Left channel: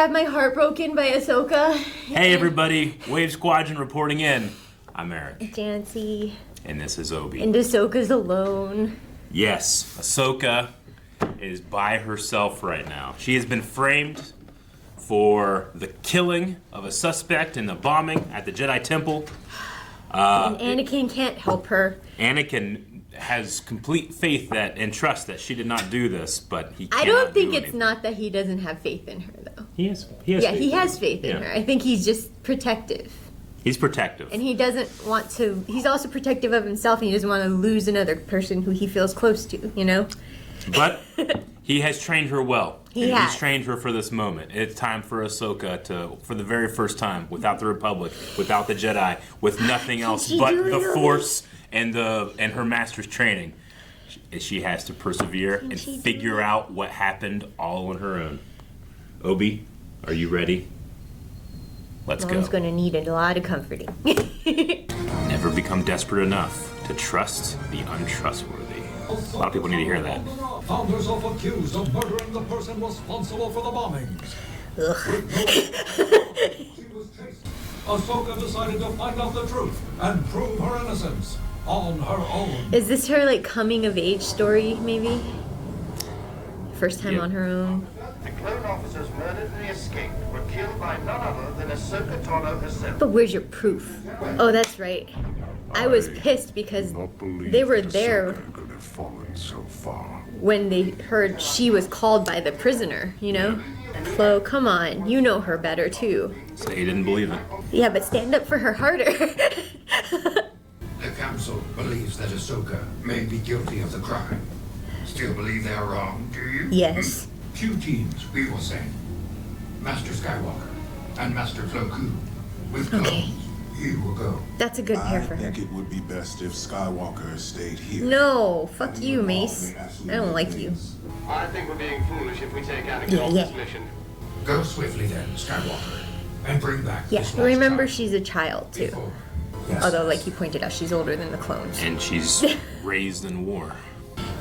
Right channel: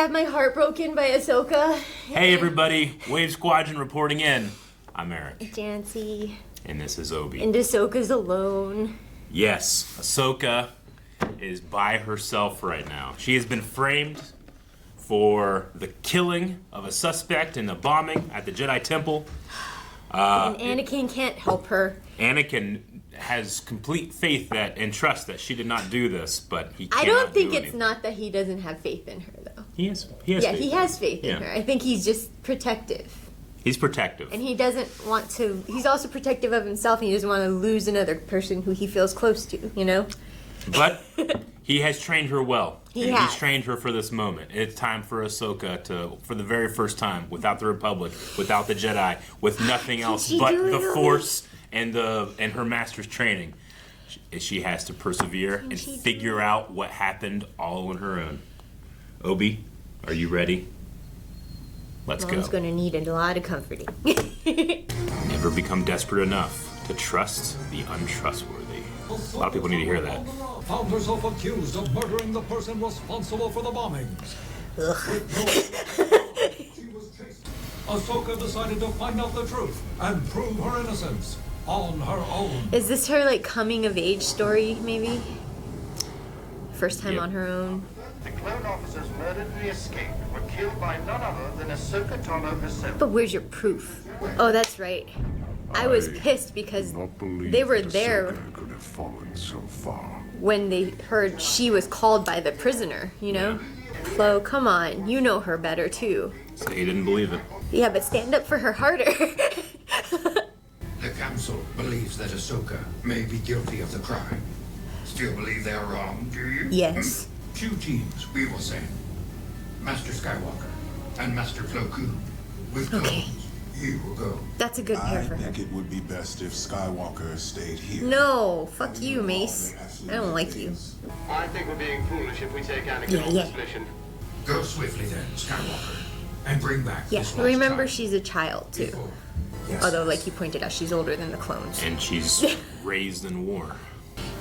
have my heart broken by Ahsoka. Hey everybody, Wave Squadron reporting in. I'm Eric. Janci. And this is Obi. And Ahsoka's alone. Yes, Ahsoka is by herself right now. She has been framed for the killing of a suspect in the bombing at the Jedi Temple. And Anakin can't help her. Anakin has complete faith that and trust that she did not do this, but he cannot I don't think do it's anything. not that he doesn't have faith in her, though. He has Yeah, faith. he has faith in her. I think he's just protective. He's protective. And he doesn't want to... He's also protective of himself, and he doesn't want to lose another person who he feels close to, you know? But he has trained her well. He has. He's trained her for this moment. It's time for Ahsoka to, for the very first time, without the Republic, without the Jedi, with nothing else but the Force and her master's training, she has to persevere and figure out what happened all on her own. Obi, are you ready? Let's go. Mom's going to need a lot of comforting. Never become desperate enough to trust the untrustworthy. A lot of people need to hear that. Found herself accused of murdering the person responsible for the bombings. Ahsoka decided to find out the truth and prove her innocence on her own. Is this her, like, coming-of-age story, maybe? First time on her own? The clone officers murdered and escaped were killed by none other than Ahsoka Tano herself. But where's your proof? Oh, that's right. I was pissed because they were there could have fallen so far. when they heard she was called by the prisoner, you know? Flo, come on. You know her better, too. So he didn't believe it. Yeah, but stand up for her harder. The Council believes that Ahsoka may be guilty of the crime. Still believe they are wrong, do you? Yes. 2 teams we will send. Master Skywalker and Master Plo Koon. With clones, Okay. you will go. That's a good I pair for her. think it would be best if Skywalker stayed here. No, fuck you, Mace. I don't like you. I think we're being foolish if we take Anakin off this mission. Go swiftly then, Skywalker, and bring back Yeah, this lost remember child. she's a child, too. Before. Although, like you pointed out, she's older than the clones. And she's raised in war.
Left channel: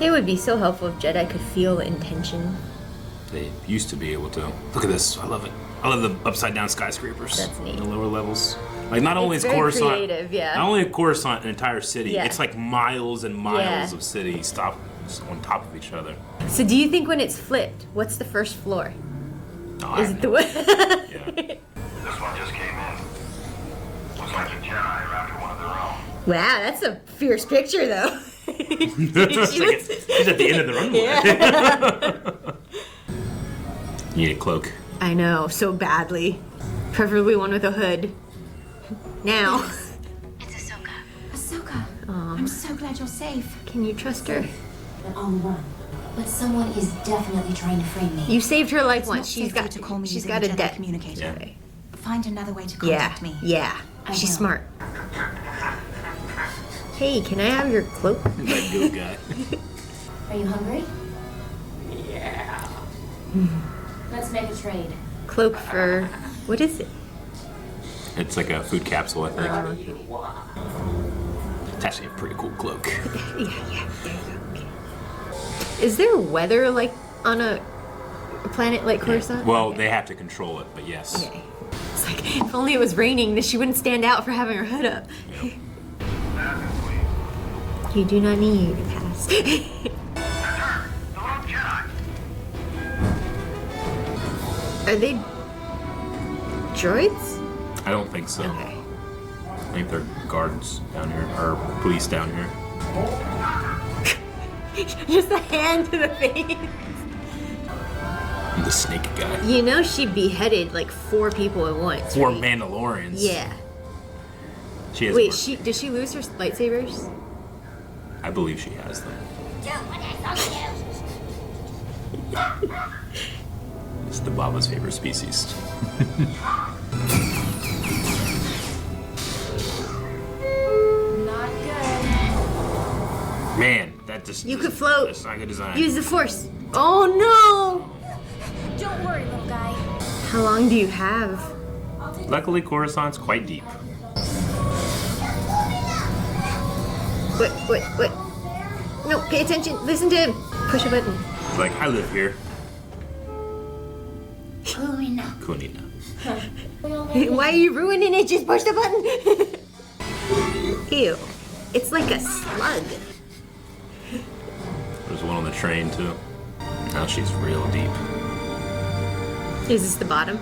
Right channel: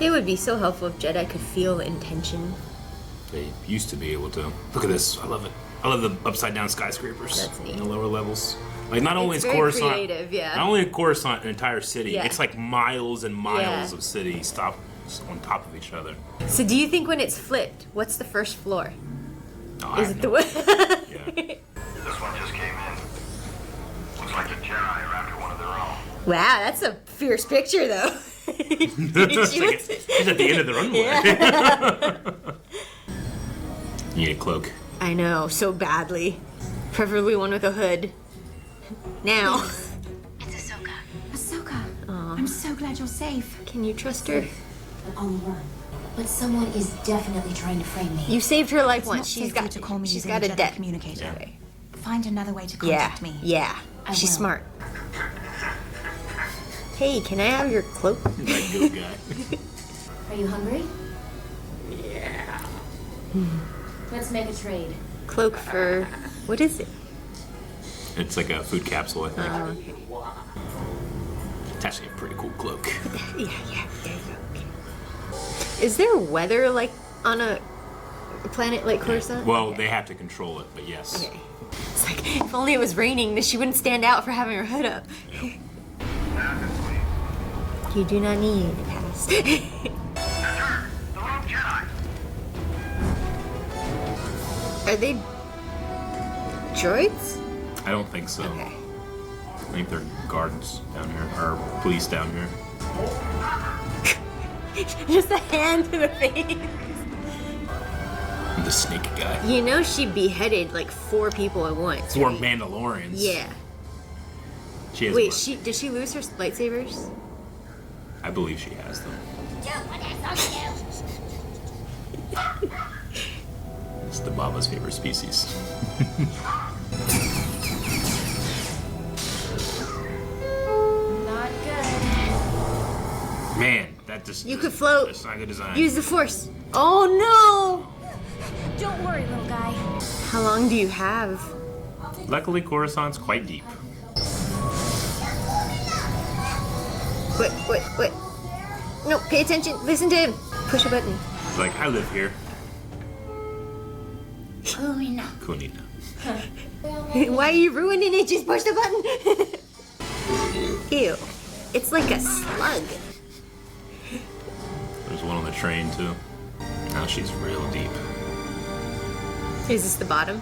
It would be so helpful if Jedi could feel intention. They used to be able to. Look at this. I love it. I love the upside down skyscrapers That's neat. in the lower levels. Like not only It's is very Coruscant, creative, yeah. not only is Coruscant an entire city, Yeah. it's like miles and miles Yeah. of cities stop on top of each other. So do you think when it's flipped, what's the first floor? Oh, I Is have it the no- one? yeah. This one just came in. Looks like the Jedi are after one of their own. Wow, that's a fierce picture, though. She's at the end of the runway. You need a cloak. I know, so badly. Preferably one with a hood. Now. It's Ahsoka. Ahsoka, I'm so glad you're safe. Can you trust her? On the run. But someone is definitely trying to frame me. You saved her life It's once. not safe for you to call me she's using got the a Jedi debt. communicator. Yeah. Find another way to Yeah, contact me. yeah. I She's will. smart. Hey, can I have your cloak? That good guy. Are you hungry? Yeah. Let's make a trade. Cloak for... What is it? It's like a food capsule, I think. Okay. It's actually a pretty cool cloak. Yeah. Is there weather, like, on a planet like Coruscant? Well, they have to control it, but yes. Okay. It's like, if only it was raining, then she wouldn't stand out for having her hood up. Yep. Passes, please. You do not need a pass. That's her, the Wrong Jedi. Are they droids? I don't think so. Okay. I think they're guards down here, or police down here. Just a hand to the face. The snake guy. You know she beheaded like 4 people at once. 4 Mandalorians. Yeah. She has Wait, one. did she lose her lightsabers? I believe she has them. It's the Baba's favorite species. Not good. Man, that just You could float. That's not good design. Use the Force. Oh Don't worry, little guy. no! How long do you have? Luckily, Coruscant's quite deep. Wait. No, pay attention. Listen to him. Push a button. It's like, I live here. Kunina. Why are you ruining it? Just push the button. Ew. It's like a slug. There's one on the train too. Now she's real deep. Is this the bottom?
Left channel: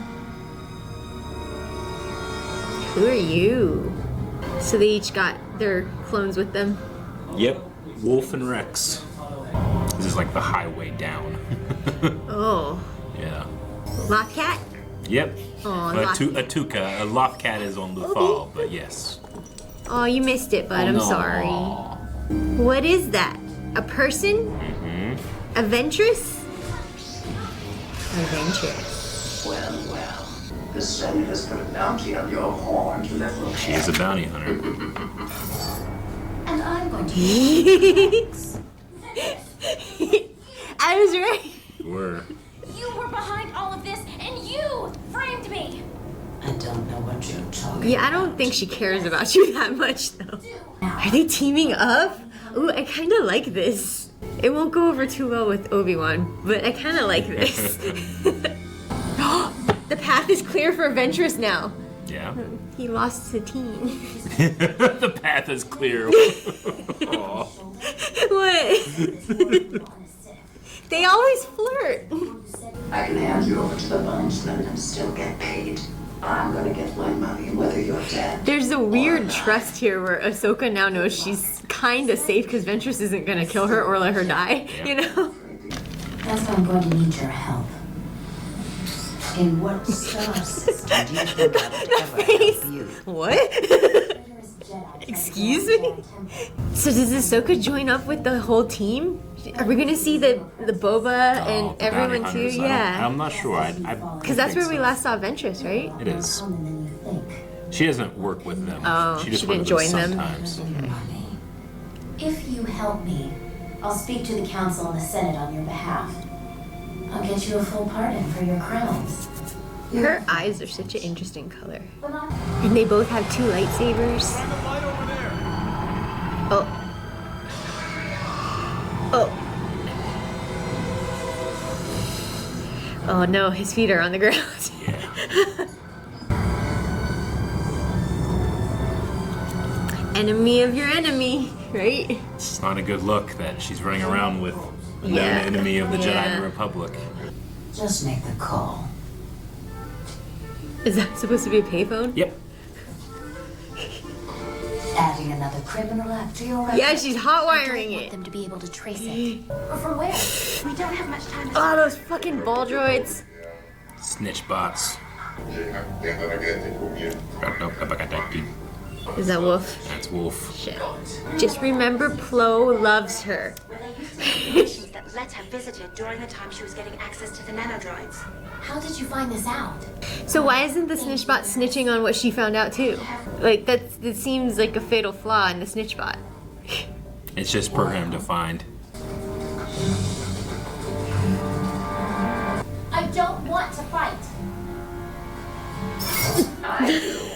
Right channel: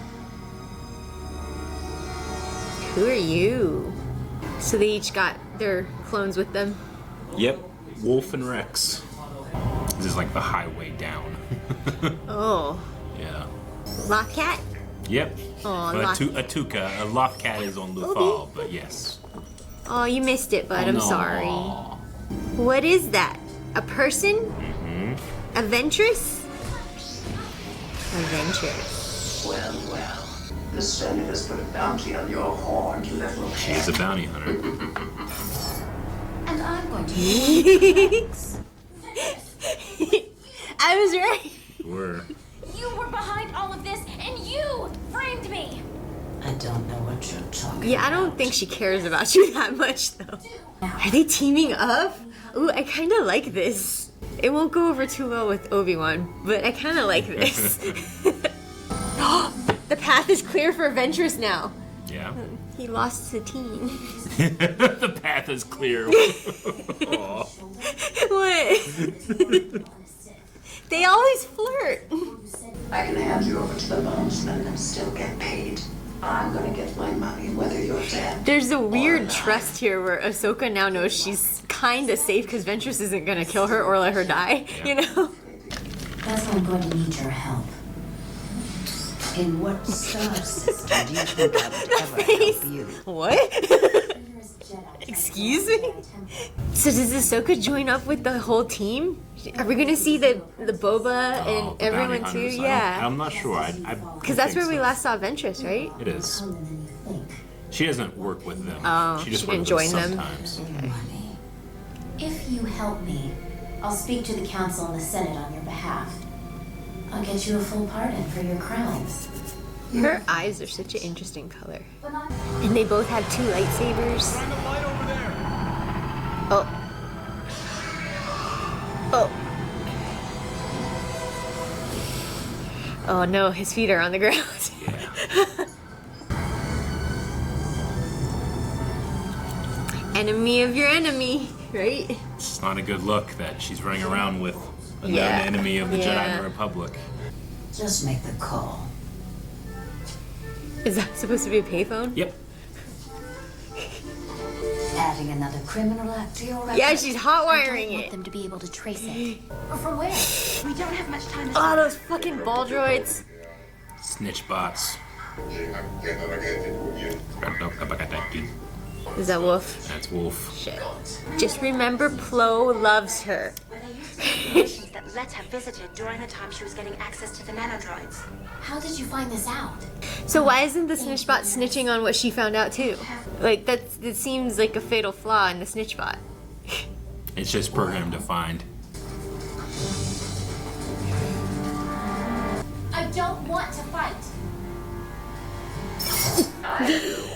Who are you? So they each got their clones with them. Yep, Wolf and Rex. This is like the highway down. Oh. Yeah. Lockcat? Yep. Oh, Atuka. A Lothcat is on the fall, but yes. Oh, you missed it, bud. I'm sorry. What is that? A person? A Ventress? A Ventress. Well. The Senate has put a bounty on your horned little She is a bounty hunter. And I'm going to I was right. Were. You were behind all of this, and you framed me! I don't know what you're talking about. Yeah, I don't think she cares about you that much, though. Are they teaming up? Ooh, I kind of like this. It won't go over too well with Obi-Wan, but I kind of like this. The path is clear for Ventress now. Yeah. He lost Satine. The path is clear. What? They always flirt. I can hand you over to the bondsman and still get paid. I'm gonna get my money whether you're dead. There's a weird trust here where Ahsoka now knows she's kind of safe because Ventress isn't going to kill her or let her die, you know? Guess I'm going to need your help. In what star system do you think I would ever help you? What? Excuse me? So does Ahsoka join up with the whole team? Are we going to see the Boba and the everyone bounty too? hunters. Yeah. I'm not sure. Because that's where we last saw Ventress, right? It is. She doesn't work with them. Oh, she just she works with didn't them join them. sometimes. If you help me, I'll speak to the council and the Senate on your behalf. I'll get you a full pardon for your crimes. Her eyes are such an interesting color. And they both have 2 lightsabers. Shine the light over there! Oh. Oh. Oh no, his feet are on the ground. Yeah. Enemy of your enemy, right? It's not a good look that she's running around with a known enemy of the Jedi and the Republic. Just make the call. Is that supposed to be a payphone? Yep. Adding another criminal act to your record. Yeah, she's hot I don't wiring want it. them to be able to trace it. From where? We don't have much time. Oh, those fucking ball droids. Snitch bots. Is that Wolf? That's Wolf. Shit. Just remember, Plo loves her. Nations that let her visited during the time she was getting access to the nanodroids. How did you find this out? So why isn't the snitchbot snitching on what she found out too? Like that seems like a fatal flaw in the snitchbot. It's just program defined. I don't want to fight. I do.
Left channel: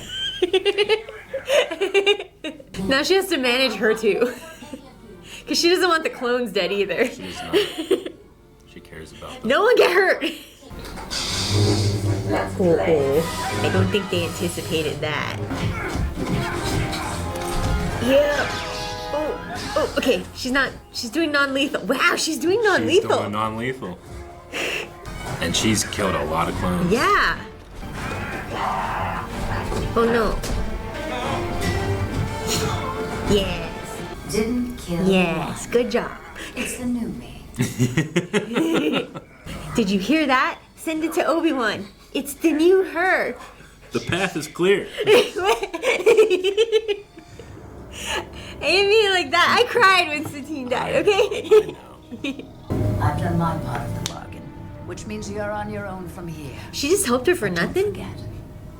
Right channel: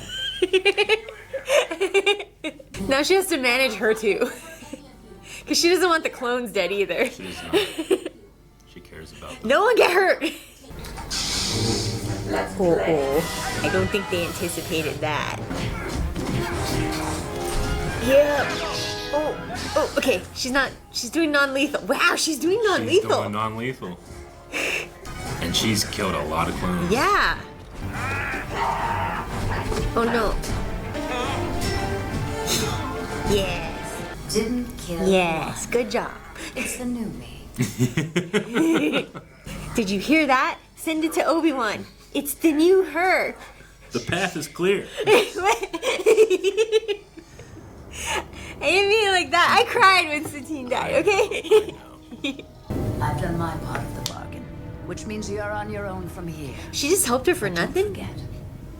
Now she has to manage her too. Because she doesn't want the clones dead either. She does not. She cares about them. No one get hurt! Let's play. I don't think they anticipated that. Oh, okay. She's doing non-lethal. Wow, she's doing She's non-lethal. doing non-lethal. And she's killed a lot of clones. Yeah. Oh no. Yes. Didn't kill Yes. one. Good job. It's the new me. Did you hear that? Send it to Obi-Wan. It's the new her. The path is clear. I didn't mean it like that. I cried when Satine died, okay? I've done my part of the bargain, which means you're on your own from here. She just helped her for But don't nothing? forget,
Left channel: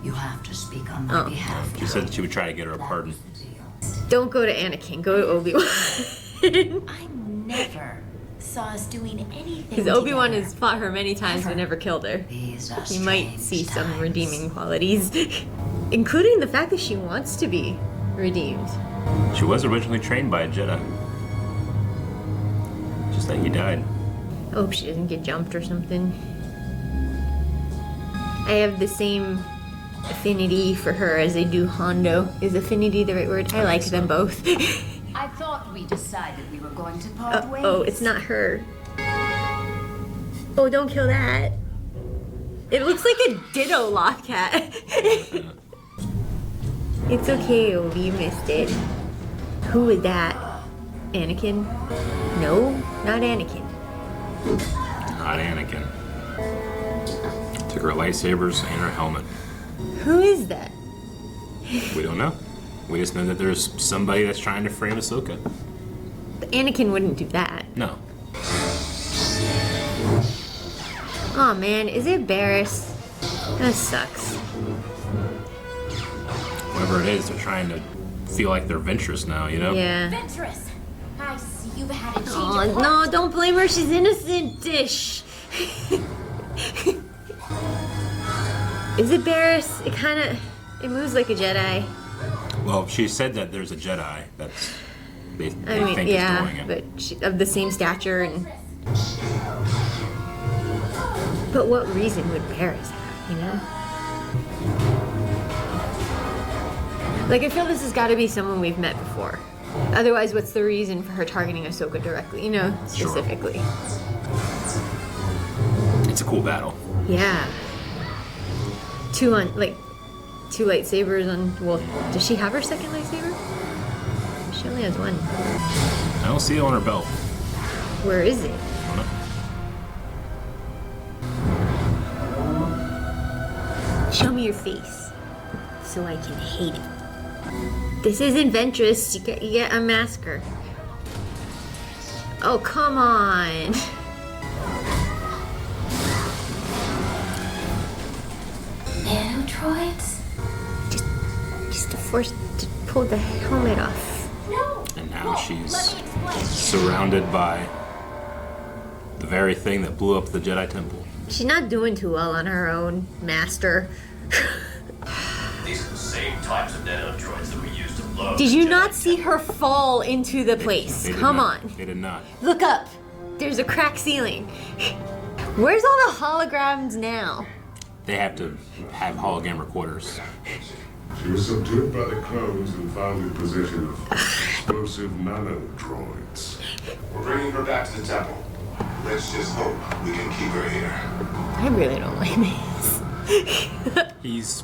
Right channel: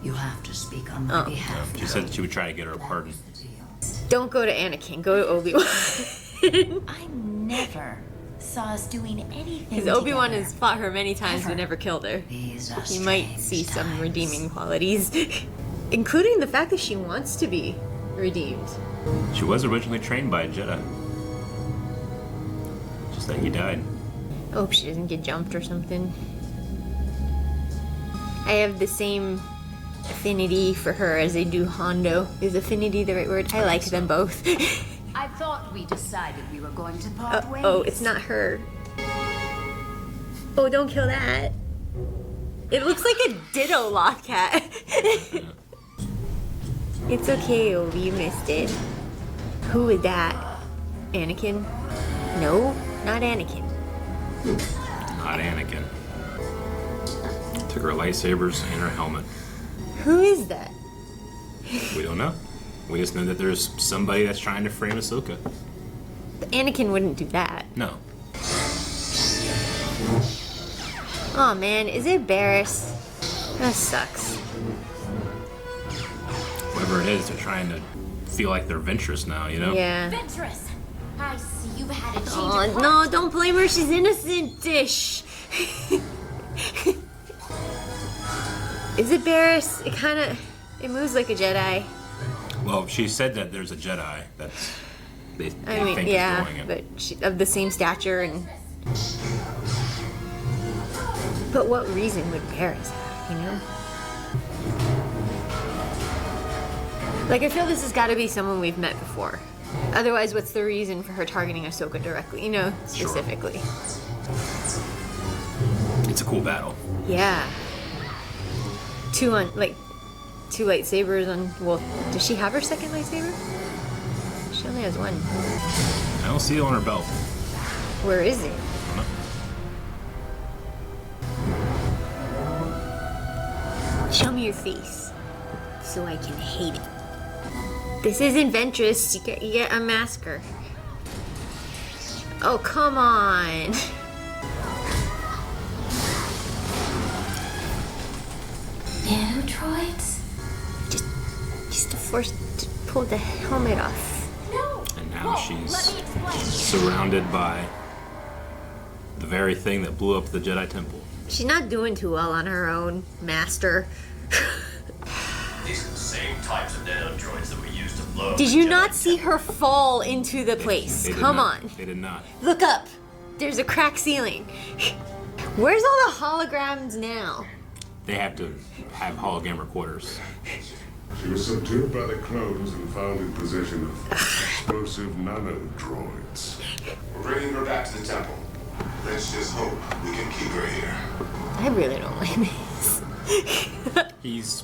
you have to speak on my behalf She now. said she would try to get her a pardon. Don't go to Anakin. Go to Obi-Wan. I never saw us doing anything Because together. Obi-Wan has fought her many times but Ever. never killed her. These are He might strange see some times. redeeming qualities. Including the fact that she wants to be redeemed. She was originally trained by a Jedi. Just that he died. I hope she doesn't get jumped or something. I have the same affinity for her as I do Hondo. Is affinity the right word? I like them both. I thought we decided we were going to part ways. Oh, it's not her. Oh, don't kill that. It looks like a ditto Lothcat. It's okay, Obi, you missed it. Who is that? Anakin? No, not Anakin. Not Anakin. Took her lightsabers and her helmet. Who is that? We don't know. We just know that there's somebody that's trying to frame Ahsoka. Anakin wouldn't do that. No. Oh man, is it Barriss? That sucks. Whatever it is, they're trying to feel like they're Ventress now, you know? Yeah. Ventress! I see you've had a change Oh, of heart. no, don't blame her. She's innocent, Dish. Is it Barriss? It moves like a Jedi. Well, she said that there's a Jedi that's they think is doing it. But of the same stature and. But what reason would Barriss have, you know? Like, I feel this has got to be someone we've met before. Otherwise, what's the reason for her targeting Ahsoka directly, you know, specifically? Sure. It's a cool battle. Yeah. Two lightsabers on. Well, does she have her second lightsaber? She only has one. I don't see it on her belt. Where is it? Show me your face, so I can hate it. This isn't Ventress. You get a masker. Oh, come on. Nanodroids? Just to force to pull the helmet off. No! And now she's let me explain. surrounded by the very thing that blew up the Jedi Temple. She's not doing too well on her own, Master. These are the same types of nanodroids that we used to blow up Did the you Jedi not see Temple. her fall into the place? They did Come not. on. They did not. Look up. There's a cracked ceiling. Where's all the holograms now? They have to have hologram recorders. She was subdued by the clones and found in possession of explosive nanodroids. We're bringing her back to the temple. Let's just hope we can keep her here. I really don't like Mace. He's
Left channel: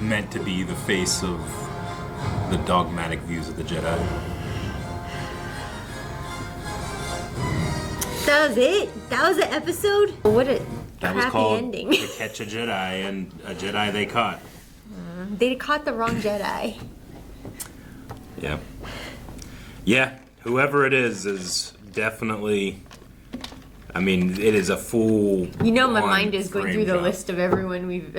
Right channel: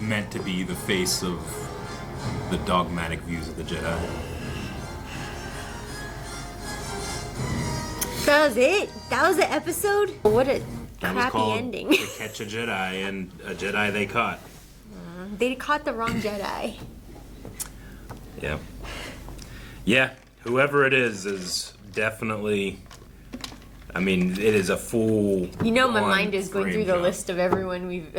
meant to be the face of the dogmatic views of the Jedi. That was it? That was the episode? What a That was crappy called ending. To Catch a Jedi, and a Jedi they caught. They caught the wrong Jedi. Yeah. Yeah, whoever it is definitely... I mean, it is a full... You know my mind is going through the job. list of everyone we've...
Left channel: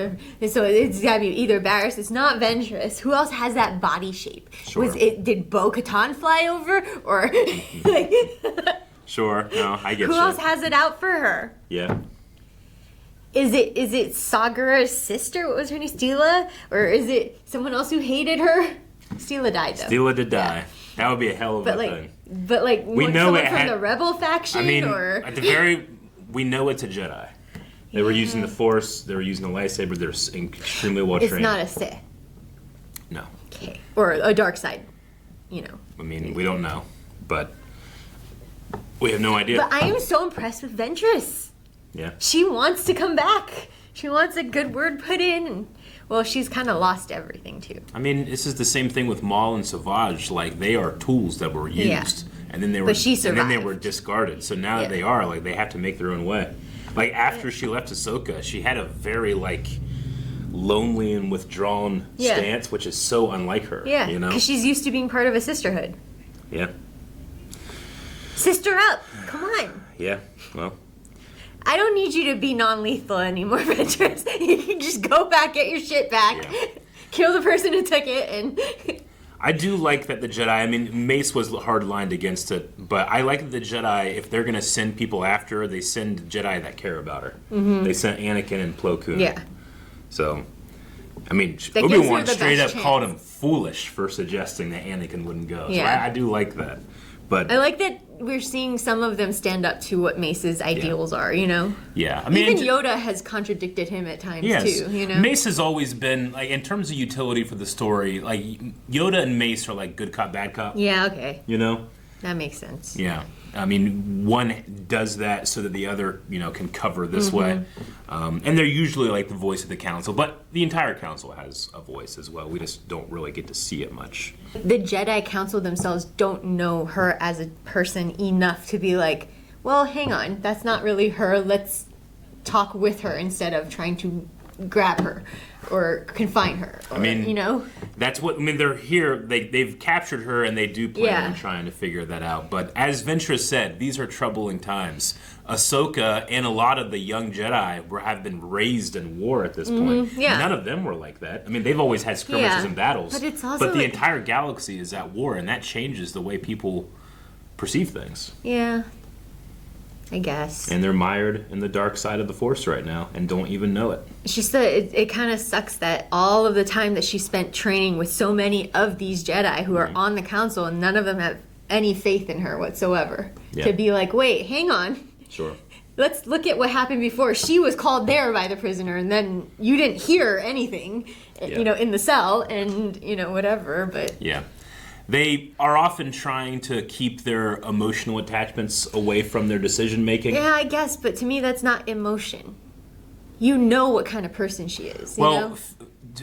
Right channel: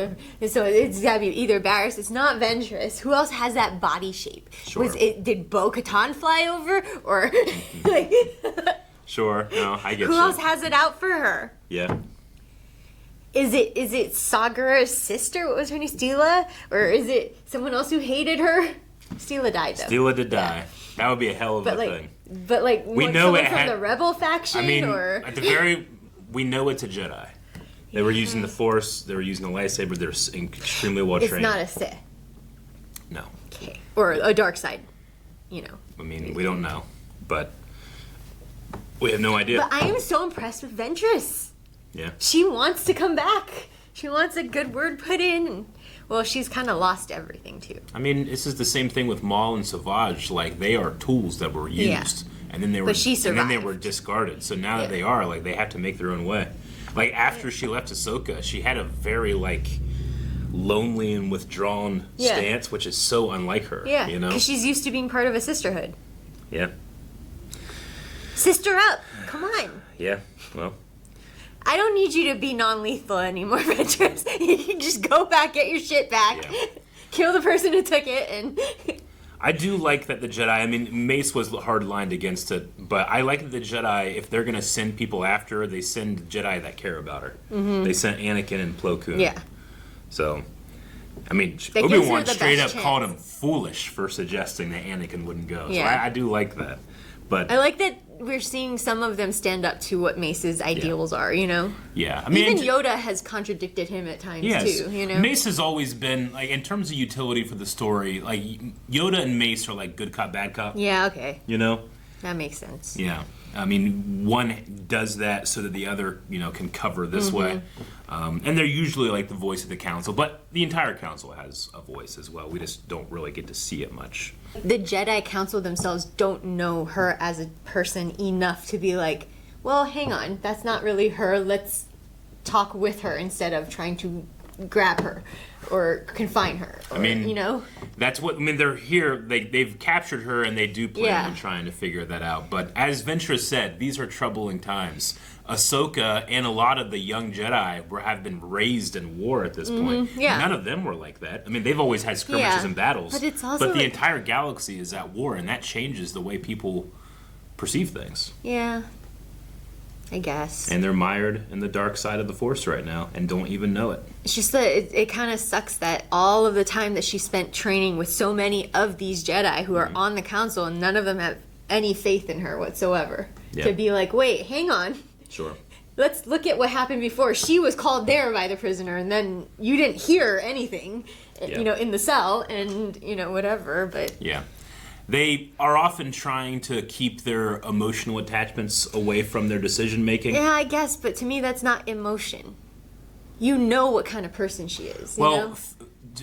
so it's gotta be either Barriss, it's not Ventress. Who else has that body shape? Sure. Did Bo-Katan fly over? Or... like, Sure, no, I get who you. else has it out for her? Yeah. Is it Sagara's sister? What was her name? Steela? Or is it someone else who hated her? Steela died, though. Steela did die. That would be a hell of a thing. But like, We know someone it from had... the Rebel faction? I mean, or? at the very... We know it's a Jedi. They were using the Force, they were using the lightsaber, they're extremely well It's trained. not a Sith. No. Okay. Or a dark side, you know. I mean, we don't know, but we have no idea. But I am so impressed with Ventress. Yeah. She wants to come back. She wants a good word put in. Well, she's kind of lost everything, too. I mean, this is the same thing with Maul and Savage. Like, they are tools that were used, and then they were, But she and then they survived. were discarded. So now that they are, like, they have to make their own way. Like, after she left Ahsoka, she had a very, like, lonely and withdrawn stance, which is so unlike her. Yeah, you know? because she's used to being part of a sisterhood. Yeah. Sister up! Come on! Yeah. Well. I don't need you to be non-lethal anymore, Ventress. You can just go back, get your shit back, kill the person who took it, and... I do like that the Jedi, I mean, Mace was hard-lined against it, but I like that the Jedi, if they're going to send people after her, they send Jedi that care about her. Mhm. They sent Anakin and Plo Koon. Yeah. So, I mean, That gives her Obi-Wan the straight up best called him foolish for suggesting that Anakin wouldn't go. So Yeah. I do like that. But I like that we're seeing some of them stand up to what Mace's ideals are, you know? Yeah, I mean, even Yoda has contradicted him at times too, you know? Mace has always been, like, in terms of utility for the story, like, Yoda and Mace are like good cop, bad cop. Yeah, okay. You know? That makes sense. Yeah. I mean, one does that so that the other, you know, can cover this way. And they're usually like the voice of the council, but the entire council has a voice as well. We just don't really get to see it much. The Jedi Council themselves don't know her as a person enough to be like, well, hang on, that's not really her. Let's talk with her instead of trying to grab her or confine her. Or, I mean, you know, that's what, I mean, they're here, they've captured her and they do plan on trying to figure that out. But as Ventress said, these are troubling times. Ahsoka and a lot of the young Jedi have been raised in war at this point. Yeah. None of them were like that. I mean, they've always had skirmishes and battles. But it's also the entire galaxy is at war, and that changes the way people perceive things. Yeah, I guess. And they're mired in the dark side of the Force right now and don't even know it. It's just that it kind of sucks that all of the time that she spent training with so many of these Jedi who are on the council, and none of them have any faith in her whatsoever. Yeah. To be like, wait, hang on. Sure. Let's look at what happened before. She was called there by the prisoner, and then you didn't hear anything, you know, in the cell, and, you know, whatever, but... Yeah. They are often trying to keep their emotional attachments away from their decision-making. Yeah, I guess, but to me that's not emotion. You know what kind of person she is, you well, know?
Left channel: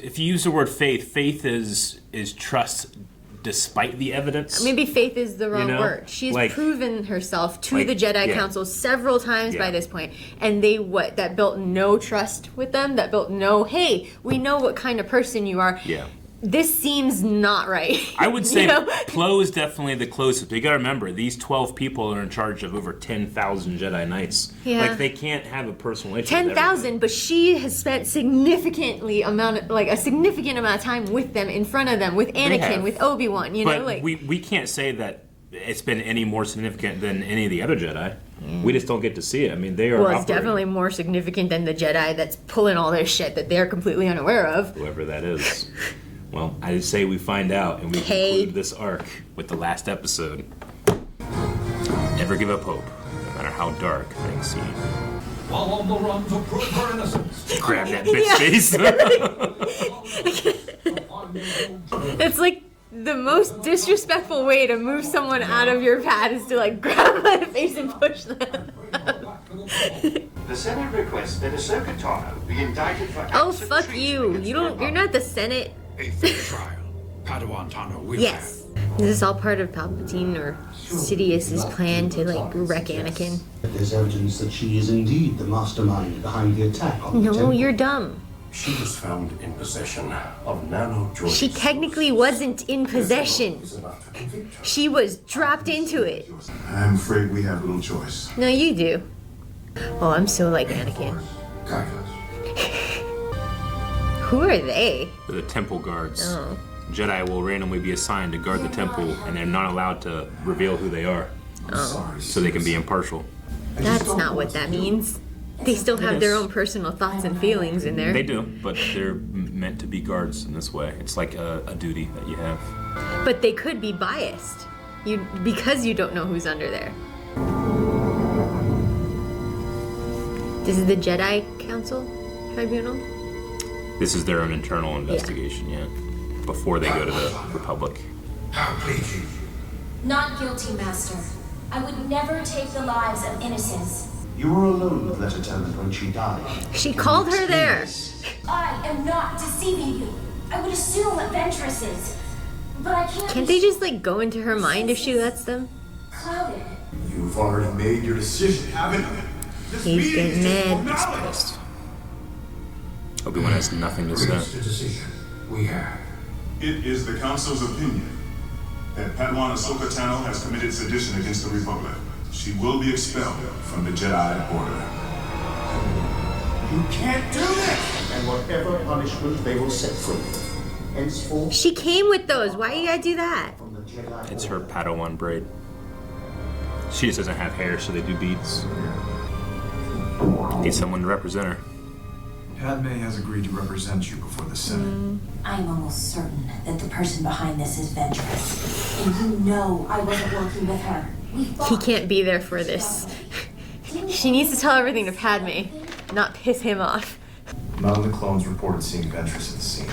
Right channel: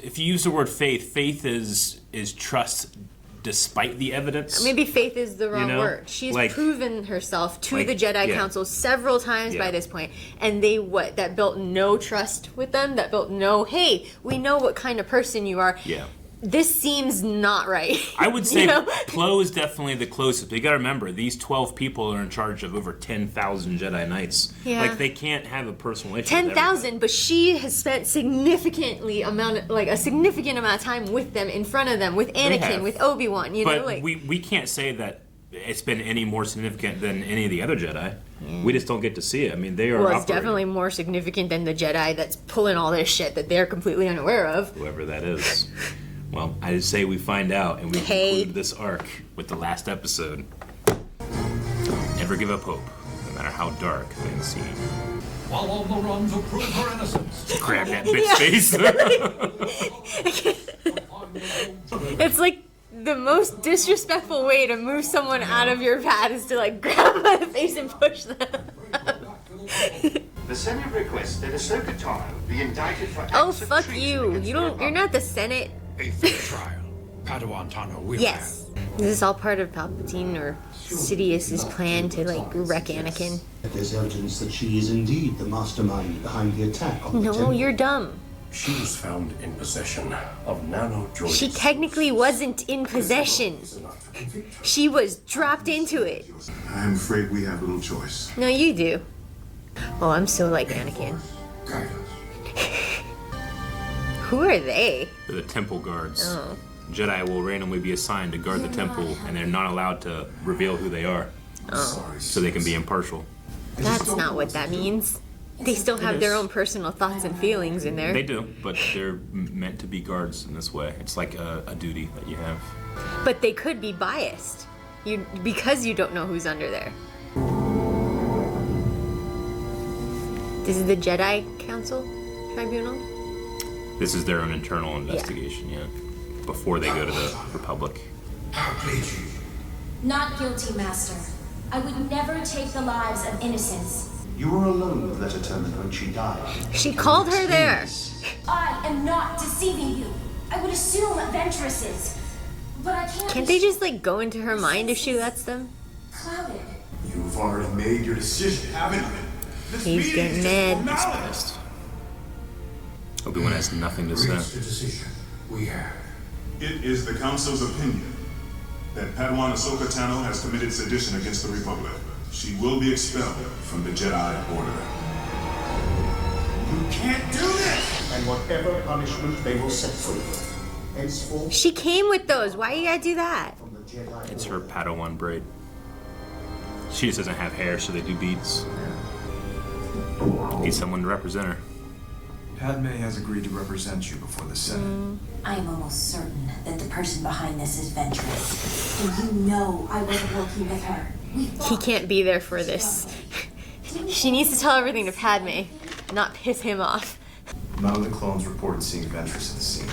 If you use the word faith, faith is trust despite the evidence. Maybe faith is the wrong word. She's proven herself to the Jedi Council several times by this point, and they that built no trust with them. That built no, hey, we know what kind of person you are. Yeah. This seems not right. I would say you know? Plo is definitely the closest. You got to remember, these 12 people are in charge of over 10,000 Jedi Knights. Yeah. Like, they can't have a personal issue. 10,000, but she has spent a significant amount of time with them, in front of them, with Anakin, with Obi-Wan. You know, but we can't say that it's been any more significant than any of the other Jedi. We just don't get to see it. I mean, they are it's operating. definitely more significant than the Jedi that's pulling all this shit that they're completely unaware of. Whoever that is. Well, I say we find out and we conclude this arc with the last episode. Never give up hope, no matter how dark they seem. While on the run to prove her innocence. Grab that bitch face. It's like the most disrespectful way to move someone out of your path is to like grab them by the face and push them. The Senate requests that Ahsoka Tano be indicted for acts of fuck treason you. against the You're Republic. not the Senate. A fair trial. Padawan Tano will have. Is this all part of Palpatine or Sidious's plan to like wreck Anakin? There's evidence that she is indeed the mastermind behind the attack on the temple. No, you're dumb. She was found in possession of nano-droids. She technically wasn't in possession. She was dropped into it. I'm afraid we have little choice. No, you do. Oh, I'm so like Anakin. Who are they? They're the temple guards. Oh. Jedi will randomly be assigned to guard the temple, and they're not allowed to reveal who they are. Oh. So they can be impartial. That's not what that means. They still have their own personal thoughts and feelings in there. They do, but they're meant to be guards in this way. It's like a duty that you have. But they could be biased. Because you don't know who's under there. This is the Jedi Council Tribunal? This is their own internal investigation, before they go to the Republic. How please you? Not guilty, Master. I would never take the lives of innocents. You were alone with Letterman when she died. She called her there. I am not deceiving you. I would assume Ventress is. But I Can't they just like go into her mind if she lets them? Clouded. You've already made your decision, haven't you? This meeting is just formality. Obi-Wan has nothing to Reach the say. decision we have. It is the Council's opinion that Padawan Ahsoka Tano has committed sedition against the Republic. She will be expelled from the Jedi Order. You can't do this! And whatever punishment they will set for you. Henceforth, She came with those. Why you gotta do that? It's her Padawan braid. She just doesn't have hair, so they do beads. Need someone to represent her. Padme has agreed to represent you before the Senate. I am almost certain that the person behind this is Ventress. And you know I wasn't working with her. He can't be there for this. She needs to tell everything to Padme, not piss him off. None of the clones reported seeing Ventress at the scene.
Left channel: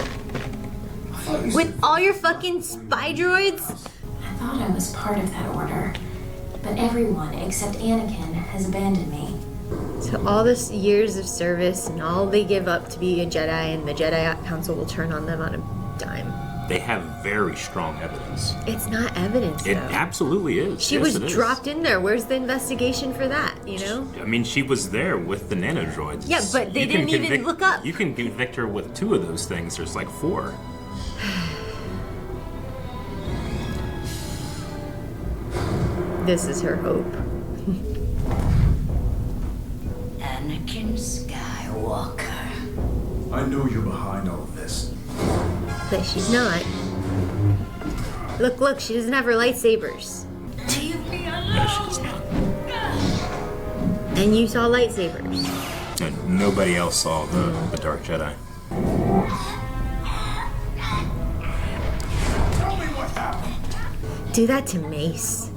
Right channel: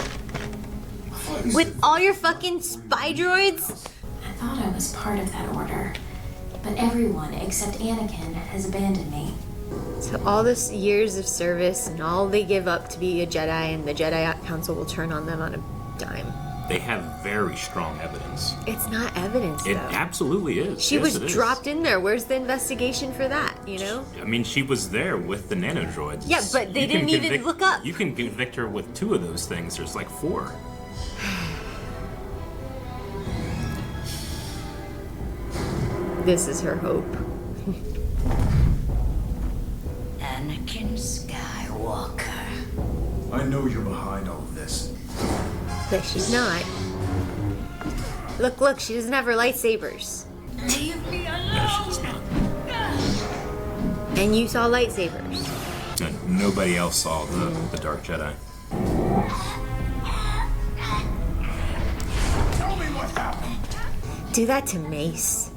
With all your fucking spy droids? I thought I was part of that order, but everyone except Anakin has abandoned me. So all this years of service and all they give up to be a Jedi, and the Jedi Council will turn on them on a dime. They have very strong evidence. It's not evidence. It though. absolutely is. She was dropped in there. Where's the investigation for that, you know? I mean, she was there with the nanodroids. Yeah, but they didn't even look up. You can convict her with 2 of those things. There's like 4. This is her hope. Anakin Skywalker. I know you're behind all of this. But she's not. Look, she doesn't have her lightsabers. Leave me alone! And you saw lightsabers. Nobody else saw the Dark Jedi. Tell me what happened. Do that to Mace.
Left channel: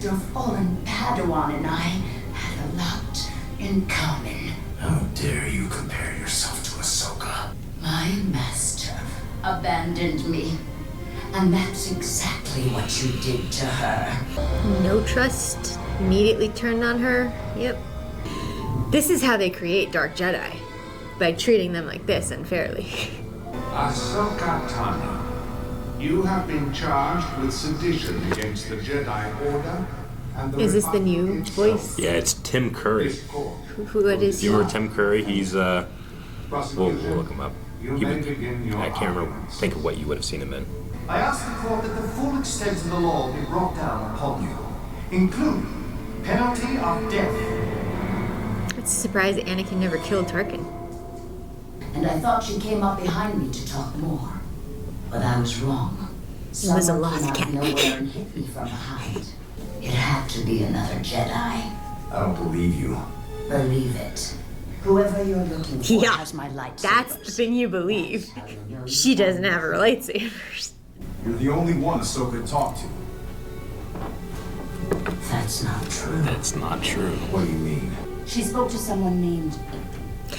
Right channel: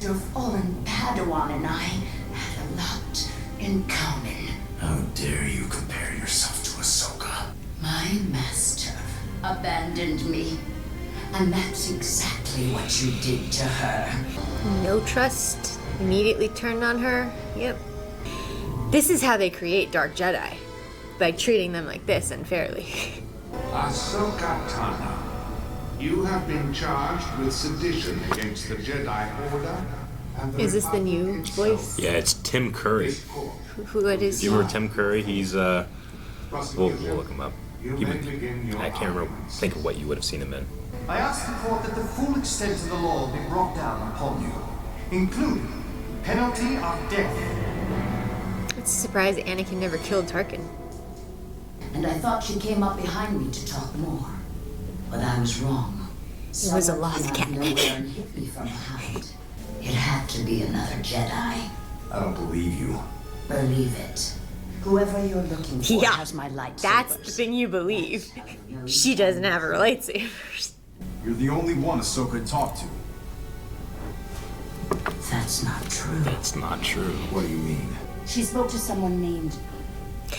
Your fallen Padawan and I had a lot in common. How dare you compare yourself to Ahsoka? My master abandoned me. And that's exactly what you did to her. No trust. Immediately turned on her. Yep. This is how they create Dark Jedi. By treating them like this unfairly. Ahsoka Tano, you have been charged with sedition against the Jedi Order and the Is this the new voice? Yeah, it's Tim Curry. What is You he? remember Tim Curry? He's we'll look him up. I can't remember. Think of what you would have seen him in. I ask the court that the full extent of the law be brought down upon you, including penalty of death. It's a surprise that Anakin never killed Tarkin. And I thought you came up behind me to talk more. But I was wrong. It was a lost Someone came out of nowhere and hit me from behind. It had to be another Jedi. I don't believe you. Believe it. Whoever you're looking for Yeah, has my lightsabers. That's the thing you believe. She doesn't have her lightsabers. You're the only one Ahsoka talked to. That's not true. That's not true. What do you mean? She spoke to someone named...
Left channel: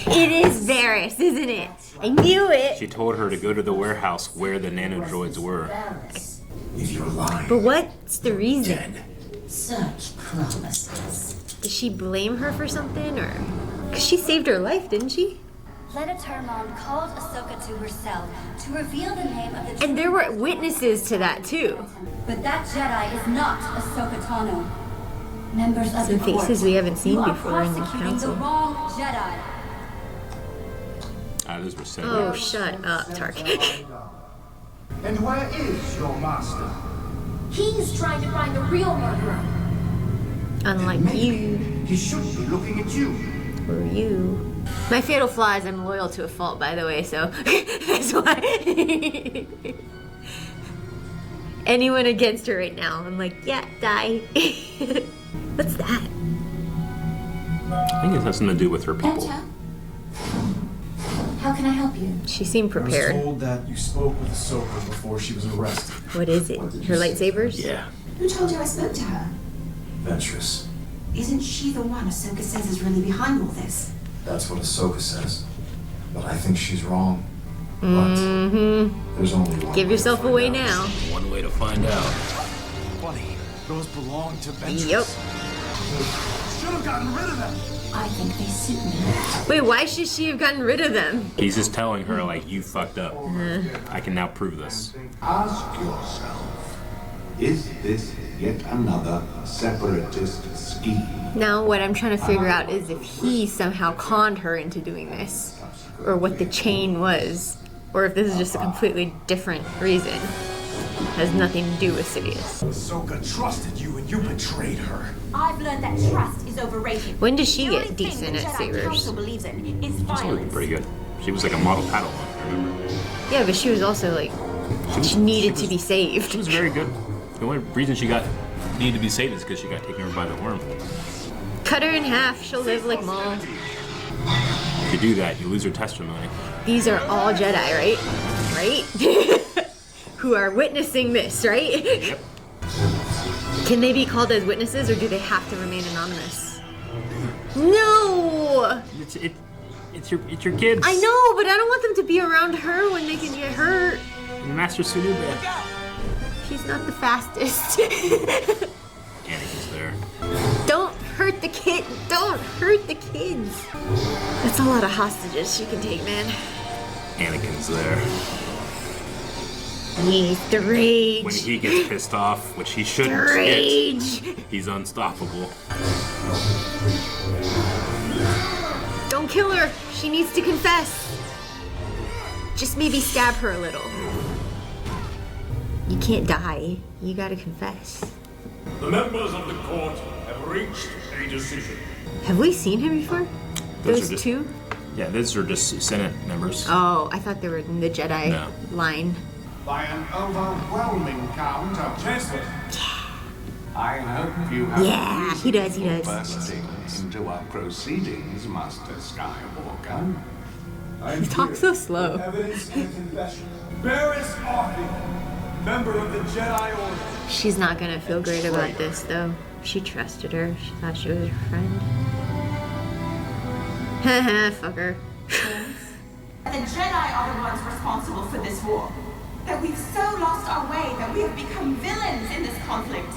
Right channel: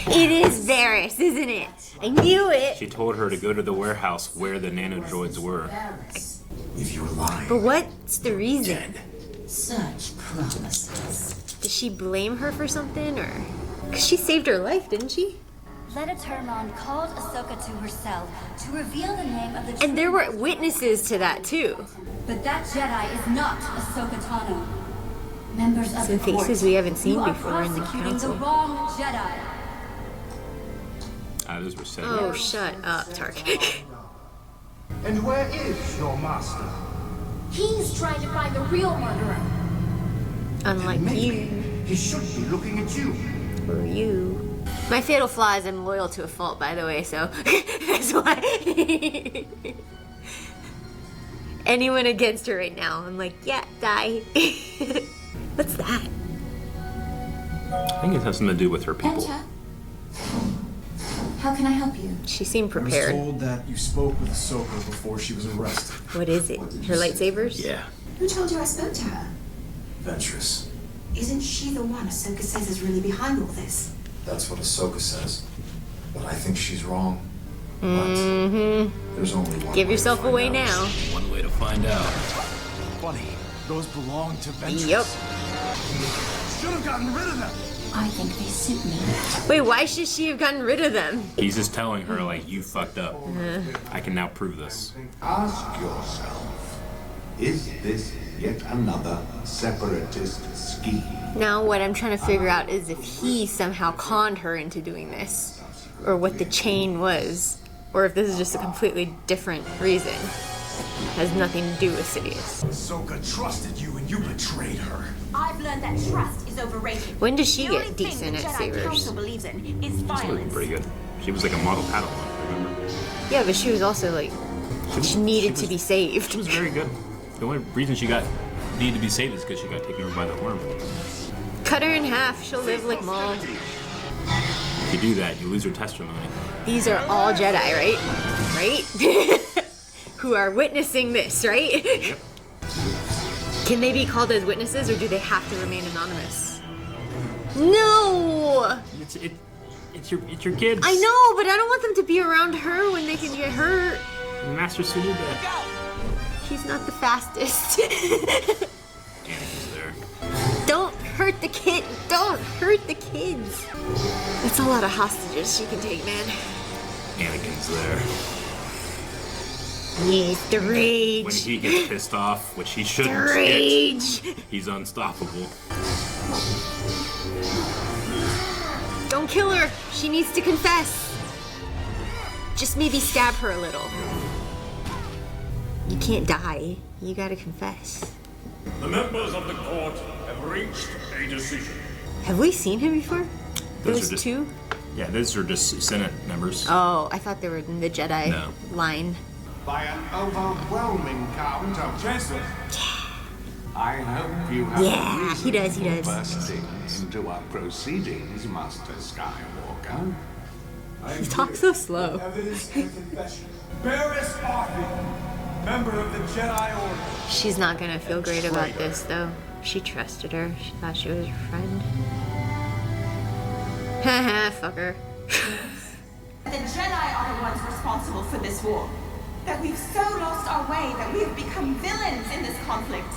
It is Barriss, isn't it? I knew it. She told her to go to the warehouse where the nanodroids were. Barriss. If you're lying, But what's the reason? dead. Such promises. Does she blame her for something, or? Because she saved her life, didn't she? Leda Termon called Ahsoka to herself to reveal the name of the true And there were witnesses to that too. But that Jedi is not Ahsoka Tano. Members of Some the court, faces we haven't seen you are before in the prosecuting the council. wrong Jedi. Those were said. Oh, shut up, Tarkin. And where is your master? He's trying to find the real murderer. Unlike Maybe you. he shouldn't be looking at you. Or you. My fatal flaw is I'm loyal to a fault, by the way, so that's why. Anyone against her right now, I'm like, yeah, die. What's that? I think it has something to do with her people. Enter. How can I help you? She seemed I was prepared. told that you spoke with Ahsoka before she was arrested. What is it? Her lightsabers? Yeah. Who told you I spoke to her? Ventress. Isn't she the one Ahsoka says is really behind all this? That's what Ahsoka says. But I think she's wrong. But there's only one Give way yourself to find away out. now. One way to find out. Funny, those belong to Ventress. Yep. Should have gotten rid of them. I think they suit me. Wait, why should she have gotten rid of them? He's just telling her, like, you fucked up. I can now prove this. Ask yourself, is this yet another separatist scheme? Now, what I'm trying to figure out is if he somehow conned her into doing this, or what the chain was, or if this is just a completely different reason. Has nothing to do with Sidious. Ahsoka trusted you and you betrayed her. I've learned that trust is overrated. When does she The only get thing the decent at Jedi sabers? Council believes in is She's looking violence. pretty good. She was like a model Padawan. Yeah, but she was also like, she needed to be saved. She was very good. The only reason she needed to be saved is because she got taken over by the worm. Cut her in half, she'll live like mom. If you do that, you lose your testimony. These are all Jedi, right? Right? Who are witnessing this, right? Yep. Can they be called as witnesses, or do they have to remain anonymous? No! It's your kids. I know, but I don't want them to be around her when they can get hurt. Master Sunuba. Look out! She's not the fastest. Anakin's there. Don't hurt the kid. Don't hurt the kids. That's a lot of hostages she can take, man. Anakin's there. He's the rage. When he gets pissed off, which he shouldn't The rage. get, he's unstoppable. Don't kill her. She needs to confess. Just maybe stab her a little. You can't die. You gotta confess. The members of the court have reached a decision. Have we seen him before? Those Those are just- two? Yeah, those are just Senate members. Oh, I thought they were in the Jedi line. By an overwhelming count of Chancellor. I hope you have a reason for bursting into our proceedings, Master Skywalker. You talk so slow. Evidence and confession. Barriss Offie, member of the Jedi Order. She's not gonna feel great about this, though. She trusted her. She thought she was her friend. Haha, fuck her. The Jedi are the ones responsible for this war. That we've so lost our way that we have become villains in this conflict.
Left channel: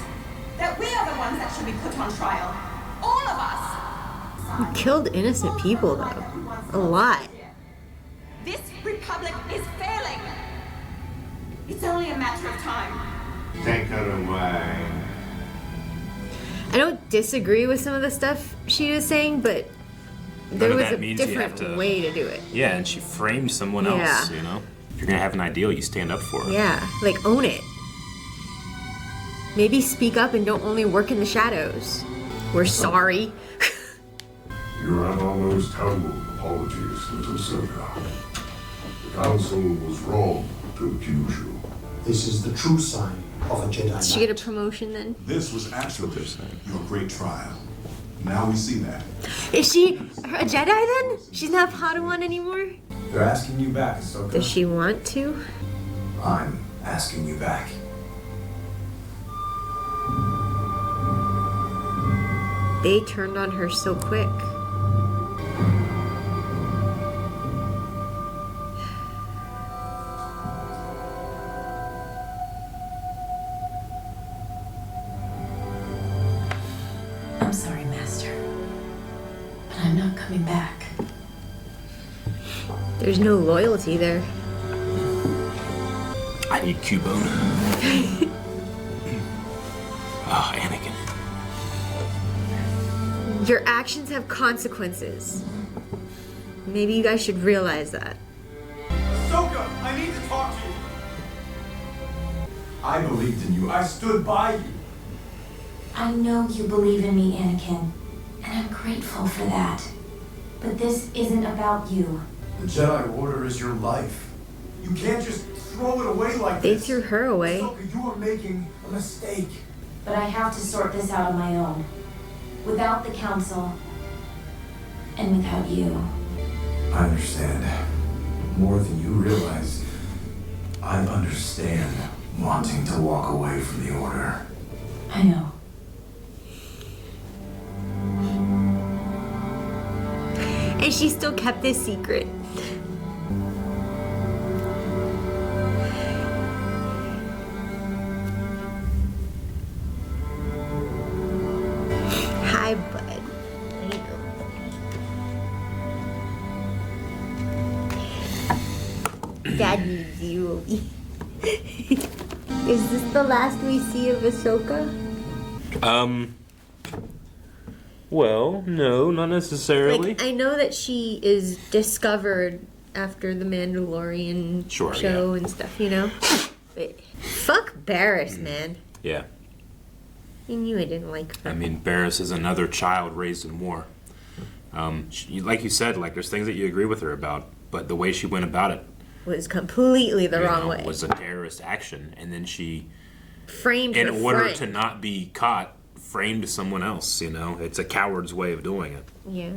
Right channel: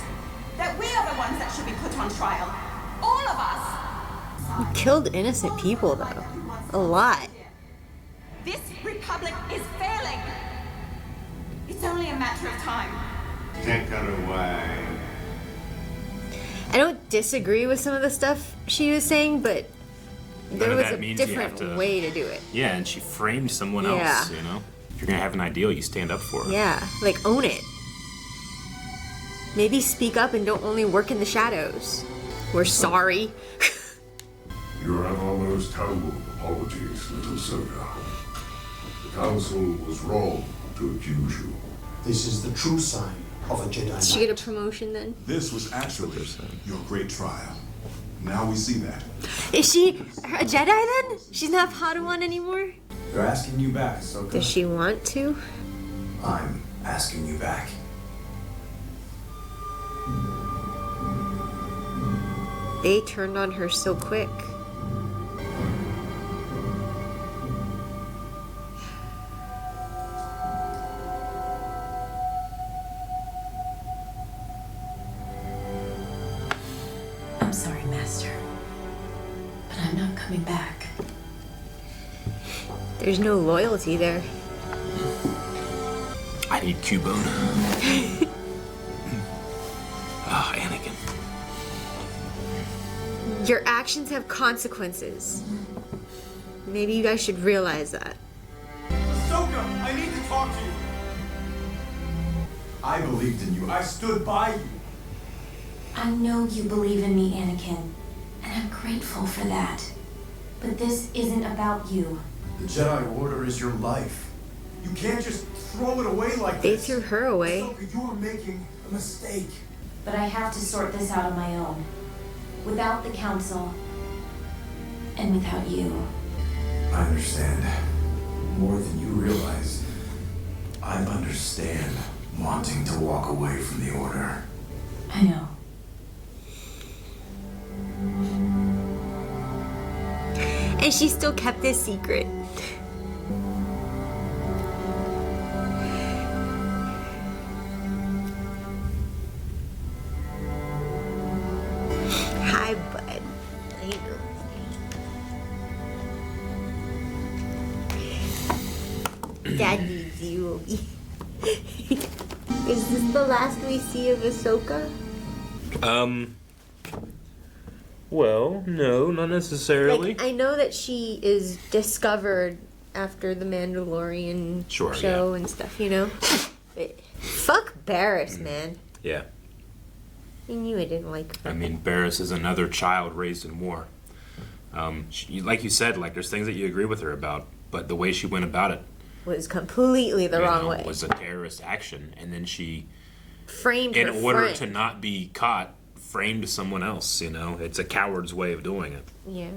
That we are the ones that should be put on trial. All of us. You killed innocent people, though. A lot. This republic is failing. It's only a matter of time. Take her away. I don't disagree with some of the stuff she was saying, but there None of was that a means you have different to- way to do it. Yeah, and she framed someone else, Yeah. you know? If you're gonna have an ideal, you stand up for it. Yeah, like own it. Maybe speak up and don't only work in the shadows. We're sorry. You have our most humble apologies, little Ahsoka. The Council was wrong to accuse you. This is the true sign of a Jedi Did she Knight. get a promotion then? This was actually your great trial. Now we see that. Is she a Jedi then? She's not Padawan anymore? They're asking you back, Ahsoka. Does she want to? I'm asking you back. They turned on her so quick. I'm sorry, Master. But I'm not coming back. There's no loyalty there. I need Cubone. Oh, Anakin. Your actions have consequences. Maybe you guys should realize that. Ahsoka, I need to talk to you. I believed in you. I stood by you. I know you believe in me, Anakin, and I'm grateful for that. But this isn't about you. The Jedi Order is your life. You can't just throw it away like They this. threw her away. Ahsoka, you are making a mistake. But I have to sort this out on my own. Without the Council, and without you. I understand. More than you realize. I understand wanting to walk away from the Order. I know. And she still kept this secret. Hi, bud. Dad needs you. Is this the last we see of Ahsoka? Well, no, not necessarily. Like, I know that she is discovered after the Mandalorian Sure, show yeah. and stuff, you know? But fuck Barriss, man. Yeah. You knew I didn't like her. I mean, Barriss is another child raised in war. Like you said, like there's things that you agree with her about, but the way she went about it Was completely the wrong way. was a terrorist action, and then she, Framed in her order friend. to not be caught, framed someone else. You know, it's a coward's way of doing it. Yeah.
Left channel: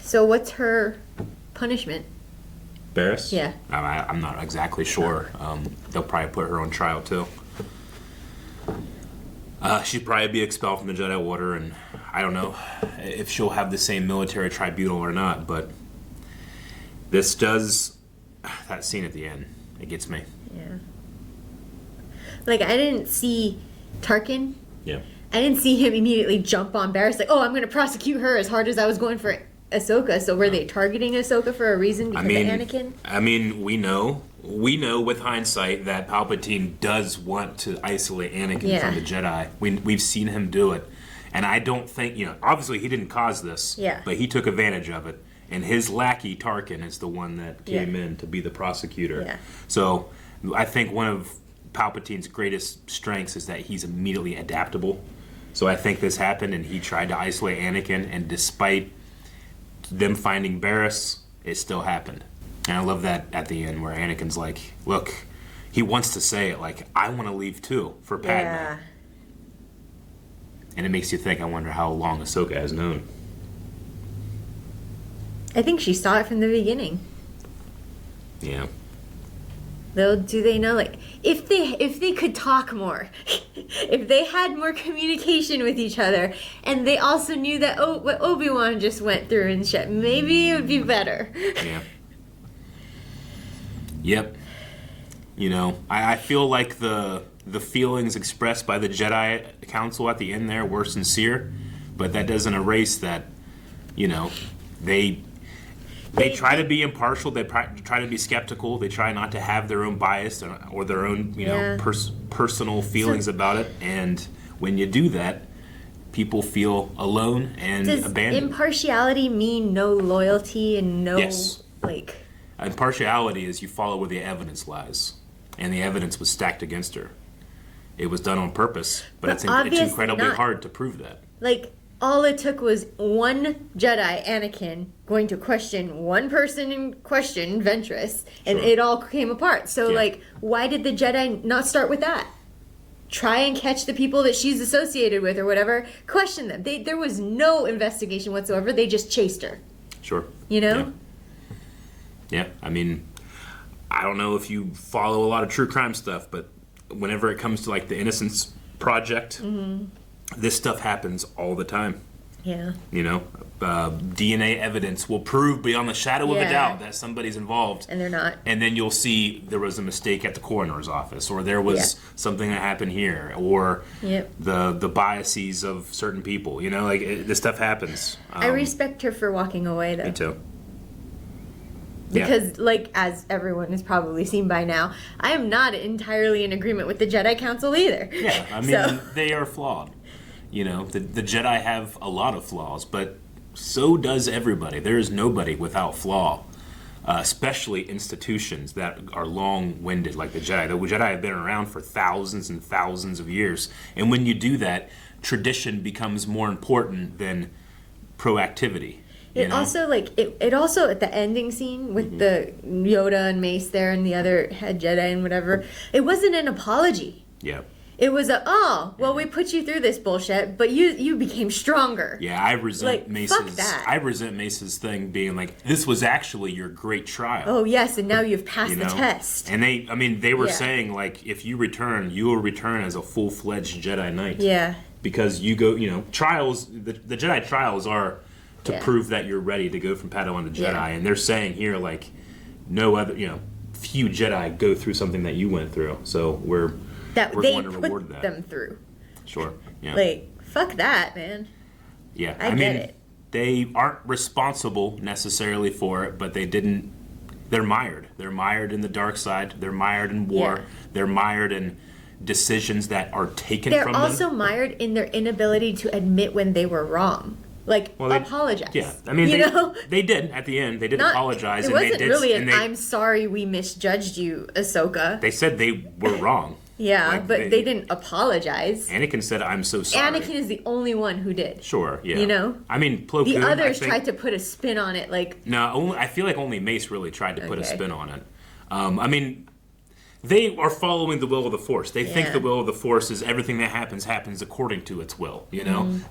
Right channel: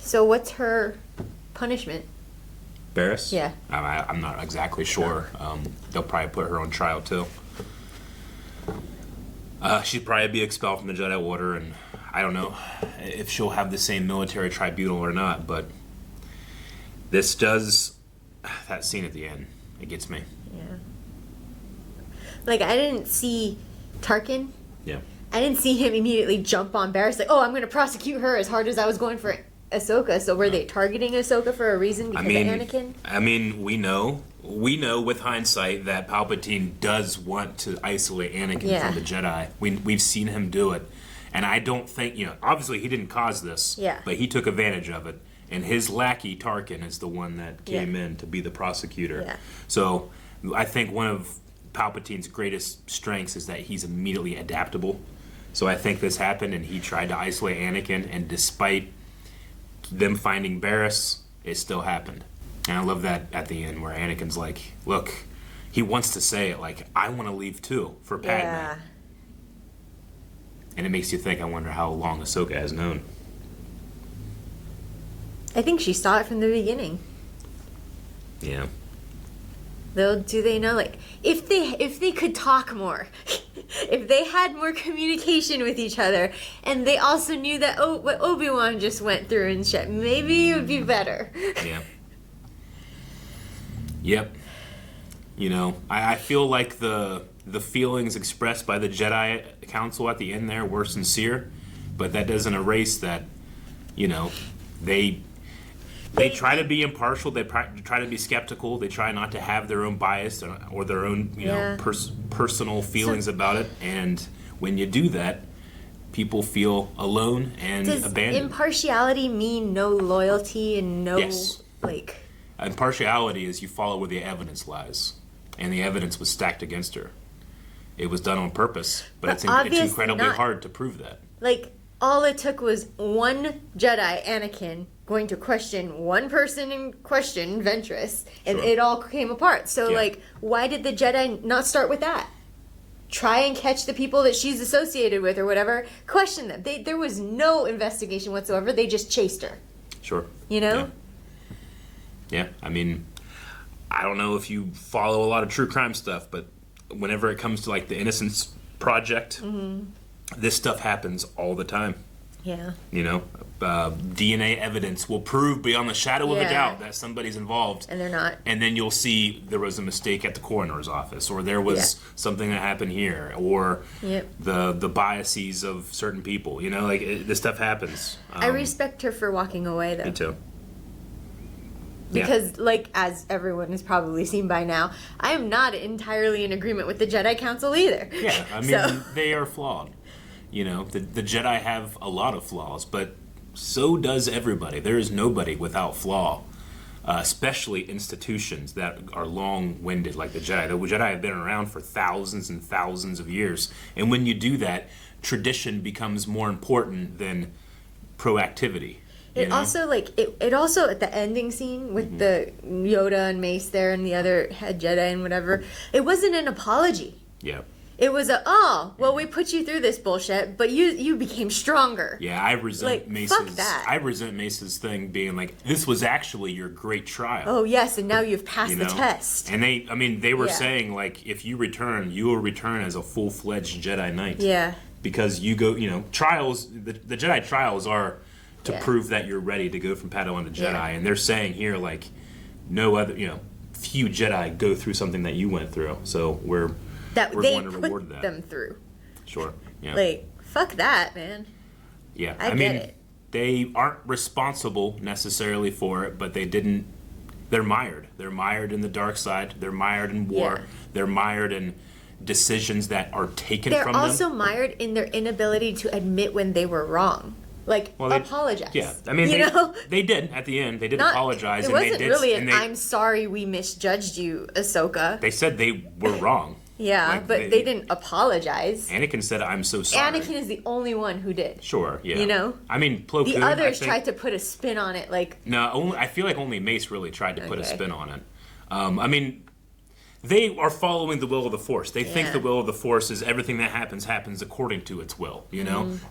So what's her punishment? Barriss? Yeah. I'm not exactly sure. They'll probably put her on trial too. She'd probably be expelled from the Jedi Order, and I don't know if she'll have the same military tribunal or not, but this does... That scene at the end, it gets me. Yeah. Like, I didn't see Tarkin. Yeah. I didn't see him immediately jump on Barriss, like, oh, I'm going to prosecute her as hard as I was going for Ahsoka. So were they targeting Ahsoka for a reason because of Anakin? I mean, we know with hindsight that Palpatine does want to isolate Anakin from the Jedi. We've seen him do it. And I don't think, obviously he didn't cause this, but he took advantage of it. And his lackey, Tarkin, is the one that came in to be the prosecutor. Yeah. So I think one of Palpatine's greatest strengths is that he's immediately adaptable. So I think this happened, and he tried to isolate Anakin, and despite them finding Barriss, it still happened. And I love that at the end where Anakin's like, look, he wants to say it, like, I want to leave too for Padme. Yeah. And it makes you think, I wonder how long Ahsoka has known. I think she saw it from the beginning. Yeah. Though, do they know, like, if they could talk more, if they had more communication with each other, and they also knew that what Obi-Wan just went through and shit, maybe it would be better. Yeah. Yep. I feel like the feelings expressed by the Jedi Council at the end there were sincere, but that doesn't erase that, they try to be impartial. They try to be skeptical. They try not to have their own bias or their own, personal feelings about it. And when you do that, people feel alone and abandoned. Does impartiality mean no loyalty and no, Impartiality is you follow where the evidence lies. And the evidence was stacked against her. It was done on purpose, but it's incredibly hard to prove that. All it took was one Jedi, Anakin, going to question one person in question, Ventress, and it all came apart. So, why did the Jedi not start with that? Try and catch the people that she's associated with or whatever. Question them. There was no investigation whatsoever. They just chased her. Sure. Yeah. I mean, I don't know if you follow a lot of true crime stuff, but whenever it comes to, the Innocence Project... Mm-hmm. This stuff happens all the time. Yeah. DNA evidence will prove beyond the shadow of a doubt that somebody's involved. And they're not. And then you'll see there was a mistake at the coroner's office, or there was something that happened here, or the biases of certain people. This stuff happens. I respect her for walking away, though. Me too. Because, as everyone has probably seen by now, I am not entirely in agreement with the Jedi Council either. Yeah, I mean, they are flawed. The Jedi have a lot of flaws, but so does everybody. There is nobody without flaw, especially institutions that are long-winded like the Jedi. The Jedi have been around for thousands and thousands of years, and when you do that, tradition becomes more important than proactivity. Also, it also, at the ending scene with the Yoda and Mace there and the other head Jedi and whatever, it wasn't an apology. Yeah. It was we put you through this bullshit, but you became stronger. Yeah, I resent Mace's thing being like, this was actually your great trial. Oh yes, and now you've passed the test. And they were saying if you return, you will return as a full-fledged Jedi Knight. Yeah. Because you go, trials. The Jedi trials are to prove that you're ready to go from Padawan to Jedi, and they're saying here no other, few Jedi go through something that you went through. So we're going to reward that. Them through. Sure. Yeah. Fuck that, man. Yeah. I mean, they aren't responsible necessarily for it, but they didn't. They're mired. They're mired in the dark side. They're mired in war. Yeah. They're mired in decisions that are taken from them. They're also mired in their inability to admit when they were wrong. Apologize. Yeah, I mean, they did at the end. They did apologize, and they did. Really I'm sorry we misjudged you, Ahsoka. They said they were wrong. Yeah, but they didn't apologize. Anakin said, "I'm so sorry." Anakin is the only one who did. Sure. Yeah. I mean, Plo Koon. The others tried to put a spin on it, No, I feel like only Mace really tried to put a spin on it. I mean. They are following the will of the Force. They think the will of the Force is everything that happens according to its will,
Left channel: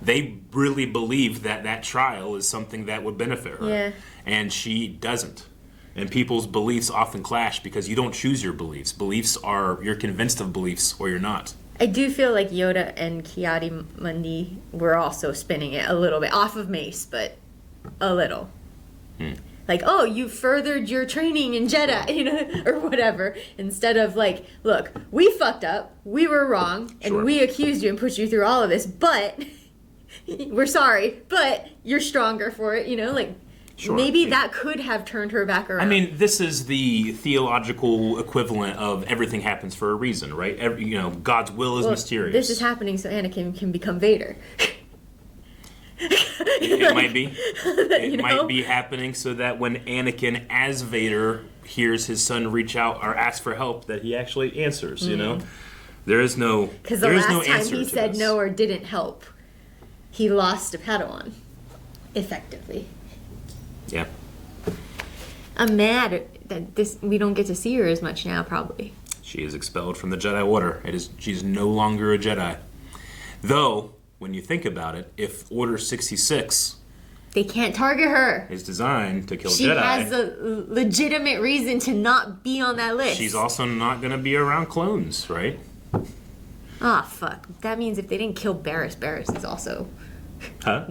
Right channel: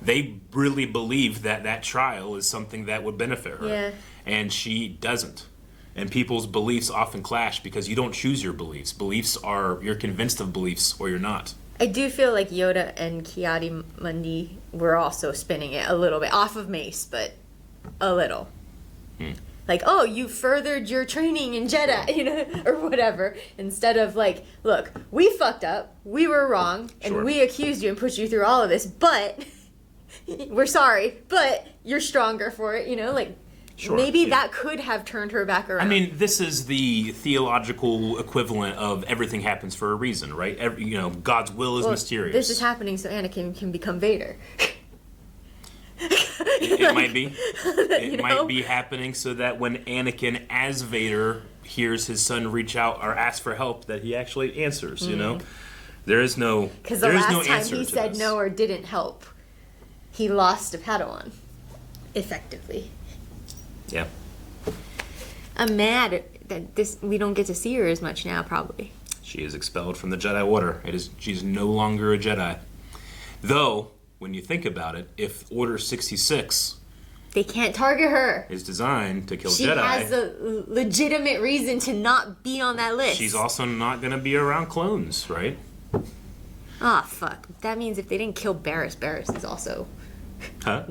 They really believe that trial is something that would benefit her. Yeah. And she doesn't. And people's beliefs often clash because you don't choose your beliefs. You're convinced of beliefs or you're not. I do feel like Yoda and Ki-Adi-Mundi were also spinning it a little bit off of Mace, but a little. Like, oh, you furthered your training in Jedi, you know, or whatever. Instead of like, look, we fucked up, we were wrong, and we accused you and put you through all of this, but we're sorry, but you're stronger for it, you know, like. Maybe that could have turned her back around. I mean, this is the theological equivalent of everything happens for a reason, right? God's will is mysterious. This is happening so Anakin can become Vader. It might be. It might be happening so that when Anakin, as Vader, hears his son reach out or ask for help, that he actually answers. You know, there is no answer to this. Because the last time he said no or didn't help, he lost a Padawan, effectively. Yeah. I'm mad that we don't get to see her as much now, probably. She is expelled from the Jedi Order. She's no longer a Jedi. Though, when you think about it, if Order 66... They can't target her. ...is designed to kill Jedi... She has a legitimate reason to not be on that list. She's also not going to be around clones, right? Ah, fuck. That means if they didn't kill Barriss, Barriss is also... Huh?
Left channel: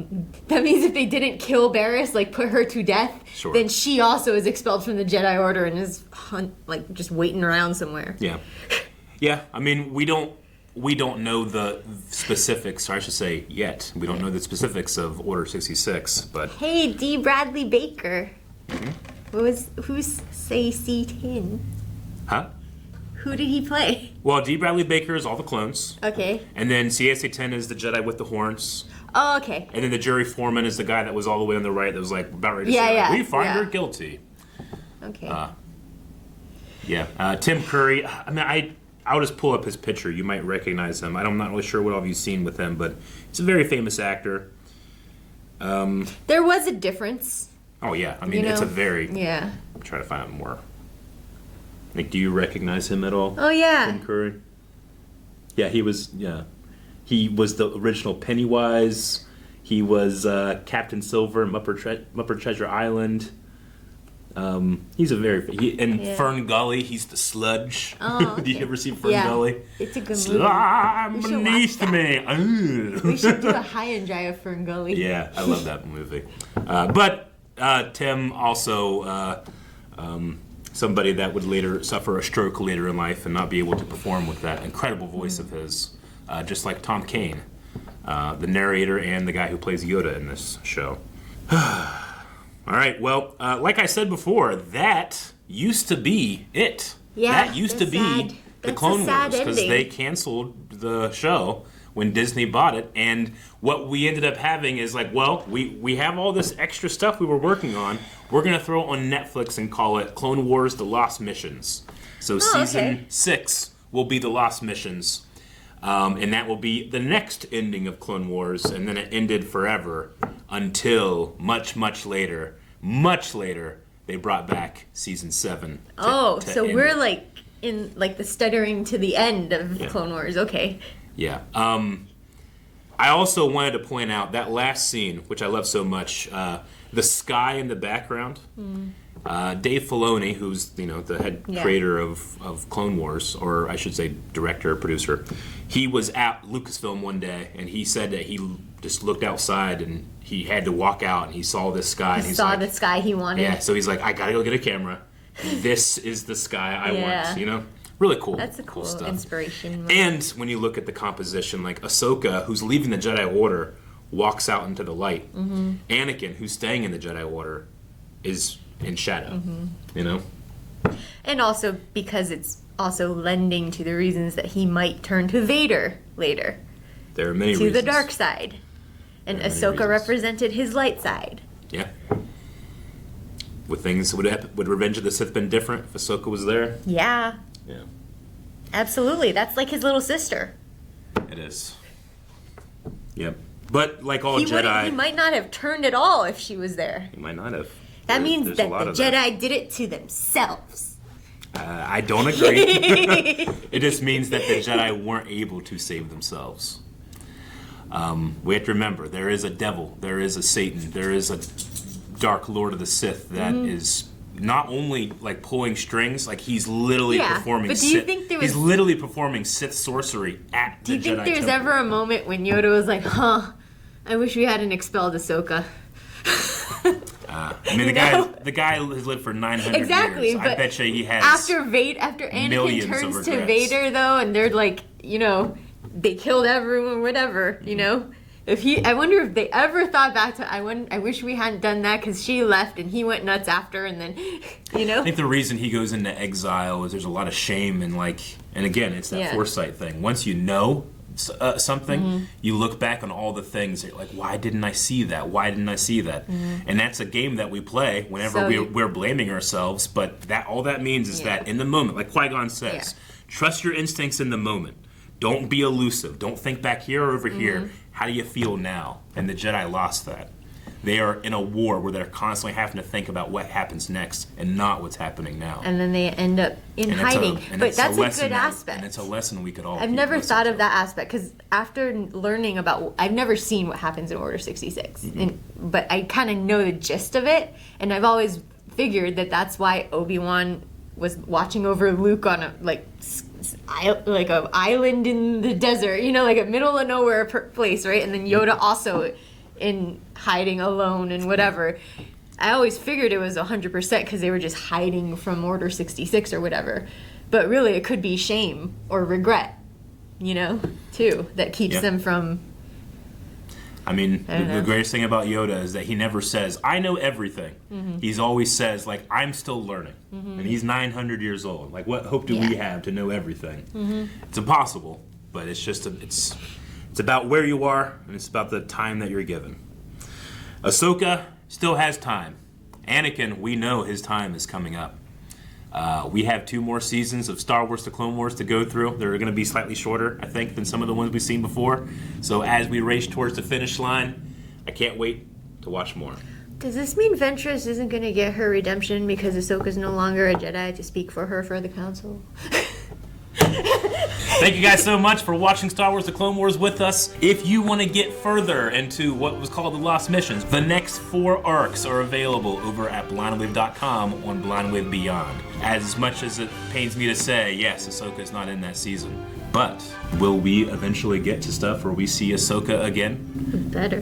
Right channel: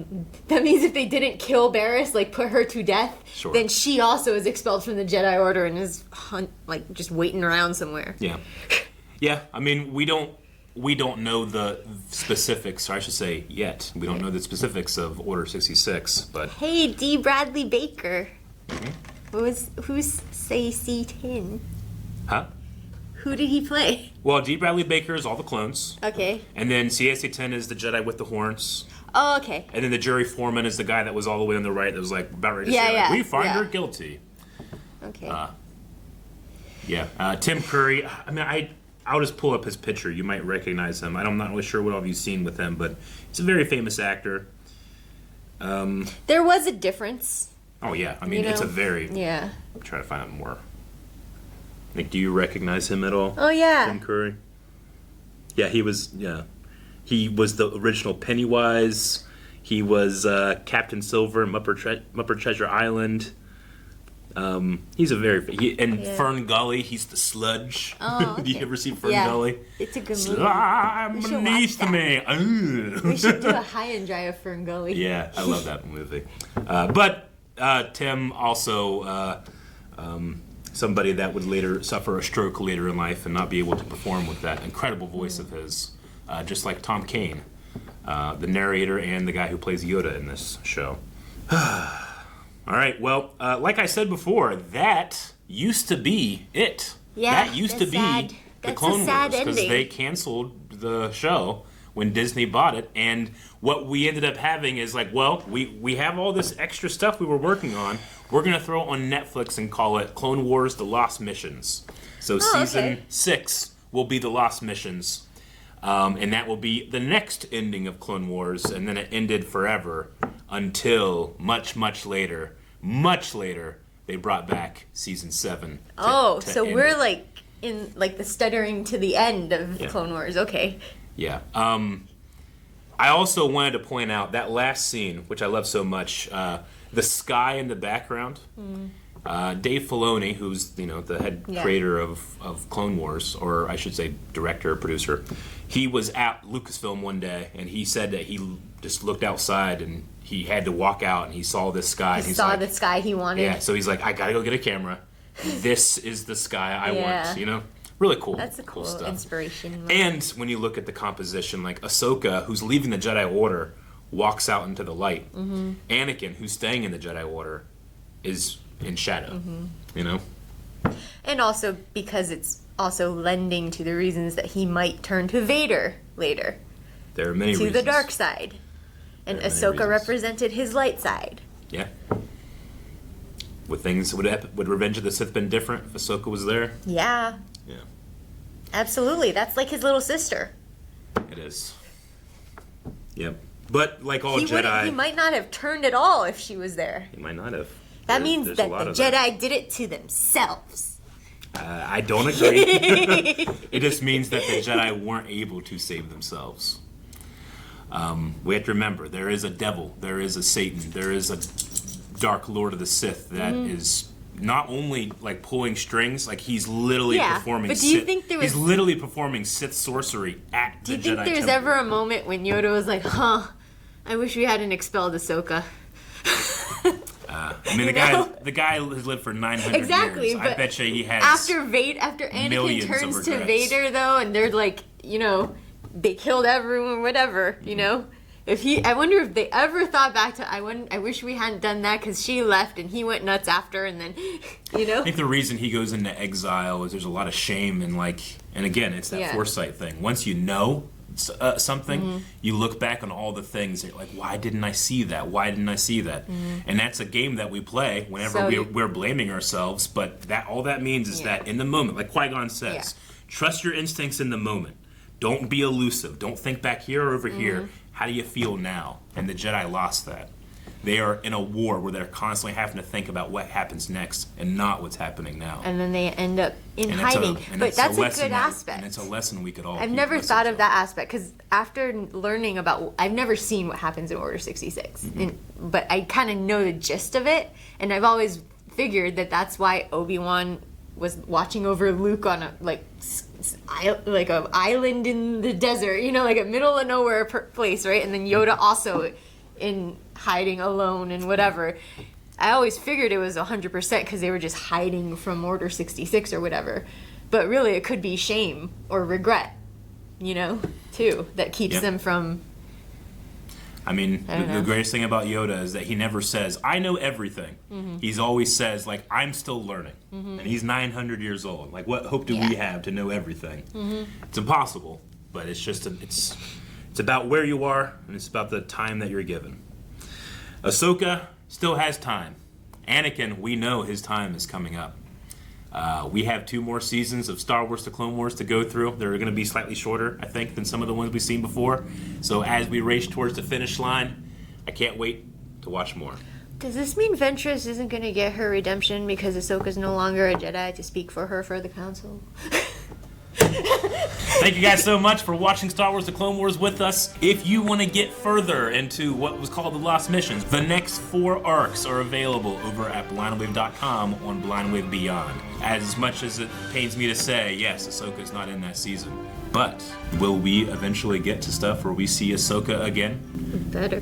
That means if they didn't kill Barriss, like put her to death, then she also is expelled from the Jedi Order and is just waiting around somewhere. Yeah, yeah. I mean, we don't know the specifics, or I should say, yet we don't know the specifics of Order 66. But hey, Dee Bradley Baker, who's CAC-10? Huh? Who did he play? Well, Dee Bradley Baker is all the clones. Okay. And then CAC-10 is the Jedi with the horns. Oh, okay. And then the jury foreman is the guy that was all the way on the right that was like about ready to say, like, we find her guilty. Okay. Tim Curry. I mean, I'll just pull up his picture. You might recognize him. I'm not really sure what all you've seen with him, but he's a very famous actor. There was a difference. Oh, yeah. I mean, it's a very... Yeah. I'll try to find out more. Like, do you recognize him at all? Oh, yeah. Tim Curry? Yeah, he was... Yeah. He was the original Pennywise. He was Captain Silver in Muppet Treasure Island. He's a very... Fern Gully, he's the sludge. Oh, okay. Do you ever see Fern Gully? It's a good movie. Slime beneath me. We should do a high and dry of Fern Gully. Yeah, I love that movie. But Tim also... somebody that would later suffer a stroke later in life and not be able to perform with that incredible voice of his. Just like Tom Kane, the narrator and the guy who plays Yoda in this show. All right, well, like I said before, that used to be it. Yeah, that used to be the Clone Wars, because they canceled the show when Disney bought it. And what we ended up having is like, well, we have all this extra stuff we were working on. We're going to throw it on Netflix and call it Clone Wars The Lost Missions. So season 6 will be The Lost Missions. And that will be the next ending of Clone Wars, and then it ended forever until much later, they brought back season 7. So we're like in like the stuttering to the end of Clone Wars. Okay. Yeah. I also wanted to point out that last scene, which I love so much, the sky in the background. Dave Filoni, who's the head creator of Clone Wars, or I should say director, producer, he was at Lucasfilm one day, and he said that he just looked outside and he had to walk out, and he saw this sky. And he saw the sky he wanted. Yeah, so he's like, I gotta go get a camera. This is the sky I want. Really cool. That's a cool stuff. Inspiration. And when you look at the composition, like Ahsoka, who's leaving the Jedi Order, walks out into the light. Mm-hmm. Anakin, who's staying in the Jedi Order, is in shadow. And also because it's also lending to the reasons that he might turn to Vader later. There are many reasons. To the dark side. And Ahsoka represented his light side. Yeah. Would Revenge of the Sith been different if Ahsoka was there? Yeah. Yeah. Absolutely. That's like his little sister. It is. Yep. But like all Jedi... He might not have turned at all if she was there. He might not have. That means that the Jedi did it to themselves. I don't agree. It just means that the Jedi weren't able to save themselves. We have to remember, there is a devil, there is a Satan, there is a dark Lord of the Sith that is not only like pulling strings, like he's literally performing. But do you Sith, think there was? He's literally performing Sith sorcery at the Jedi Temple. Do you think there's ever a moment when Yoda was like, "Huh, I wish we hadn't expelled Ahsoka"? I mean, the guy has lived for 900 years. I bet you he has. After Anakin turns to Vader, though, and they're like, they killed everyone, whatever, I wonder if they ever thought back to, I wish we hadn't done that because she left and he went nuts after, and then, I think the reason he goes into exile is there's a lot of shame and and again, it's that foresight thing. Once you know something, you look back on all the things that you're like, why didn't I see that? Why didn't I see that? And that's a game that we play whenever we're blaming ourselves, but all that means is that in the moment, like Qui-Gon says, trust your instincts in the moment. Don't be elusive. Don't think back here or over here. How do you feel now? And the Jedi lost that. They are in a war where they're constantly having to think about what happens next and not what's happening now. And then they end up in hiding. But that's a good aspect. And it's a lesson we could all I've never thought of that aspect because after learning about, I've never seen what happens in Order 66. But I kind of know the gist of it. And I've always figured that that's why Obi-Wan was watching over Luke on a island in the desert, like a middle of nowhere place, right? And then Yoda also in hiding alone and whatever. I always figured it was 100% because they were just hiding from Order 66 or whatever. But really, it could be shame or regret, too, that keeps them from. I mean, the greatest thing about Yoda is that he never says, I know everything. He's always says, I'm still learning. And he's 900 years old. What hope do we have to know everything? It's impossible, but it's just, it's about where you are, and it's about the time that you're given. Ahsoka still has time. Anakin, we know his time is coming up. We have 2 more seasons of Star Wars The Clone Wars to go through. They're going to be slightly shorter, I think, than some of the ones we've seen before. So as we race towards the finish line, I can't wait to watch more. Does this mean Ventress isn't going to get her redemption because Ahsoka's no longer a Jedi to speak for her for the Council? Thank you guys so much for watching Star Wars The Clone Wars with us. If you want to get further into what was called the Lost Missions, the next 4 arcs are available over at blindwave.com on Blindwave Beyond. As much as it pains me to say, yes, Ahsoka is not in that season. But will we eventually get to stuff where we see Ahsoka again? Better.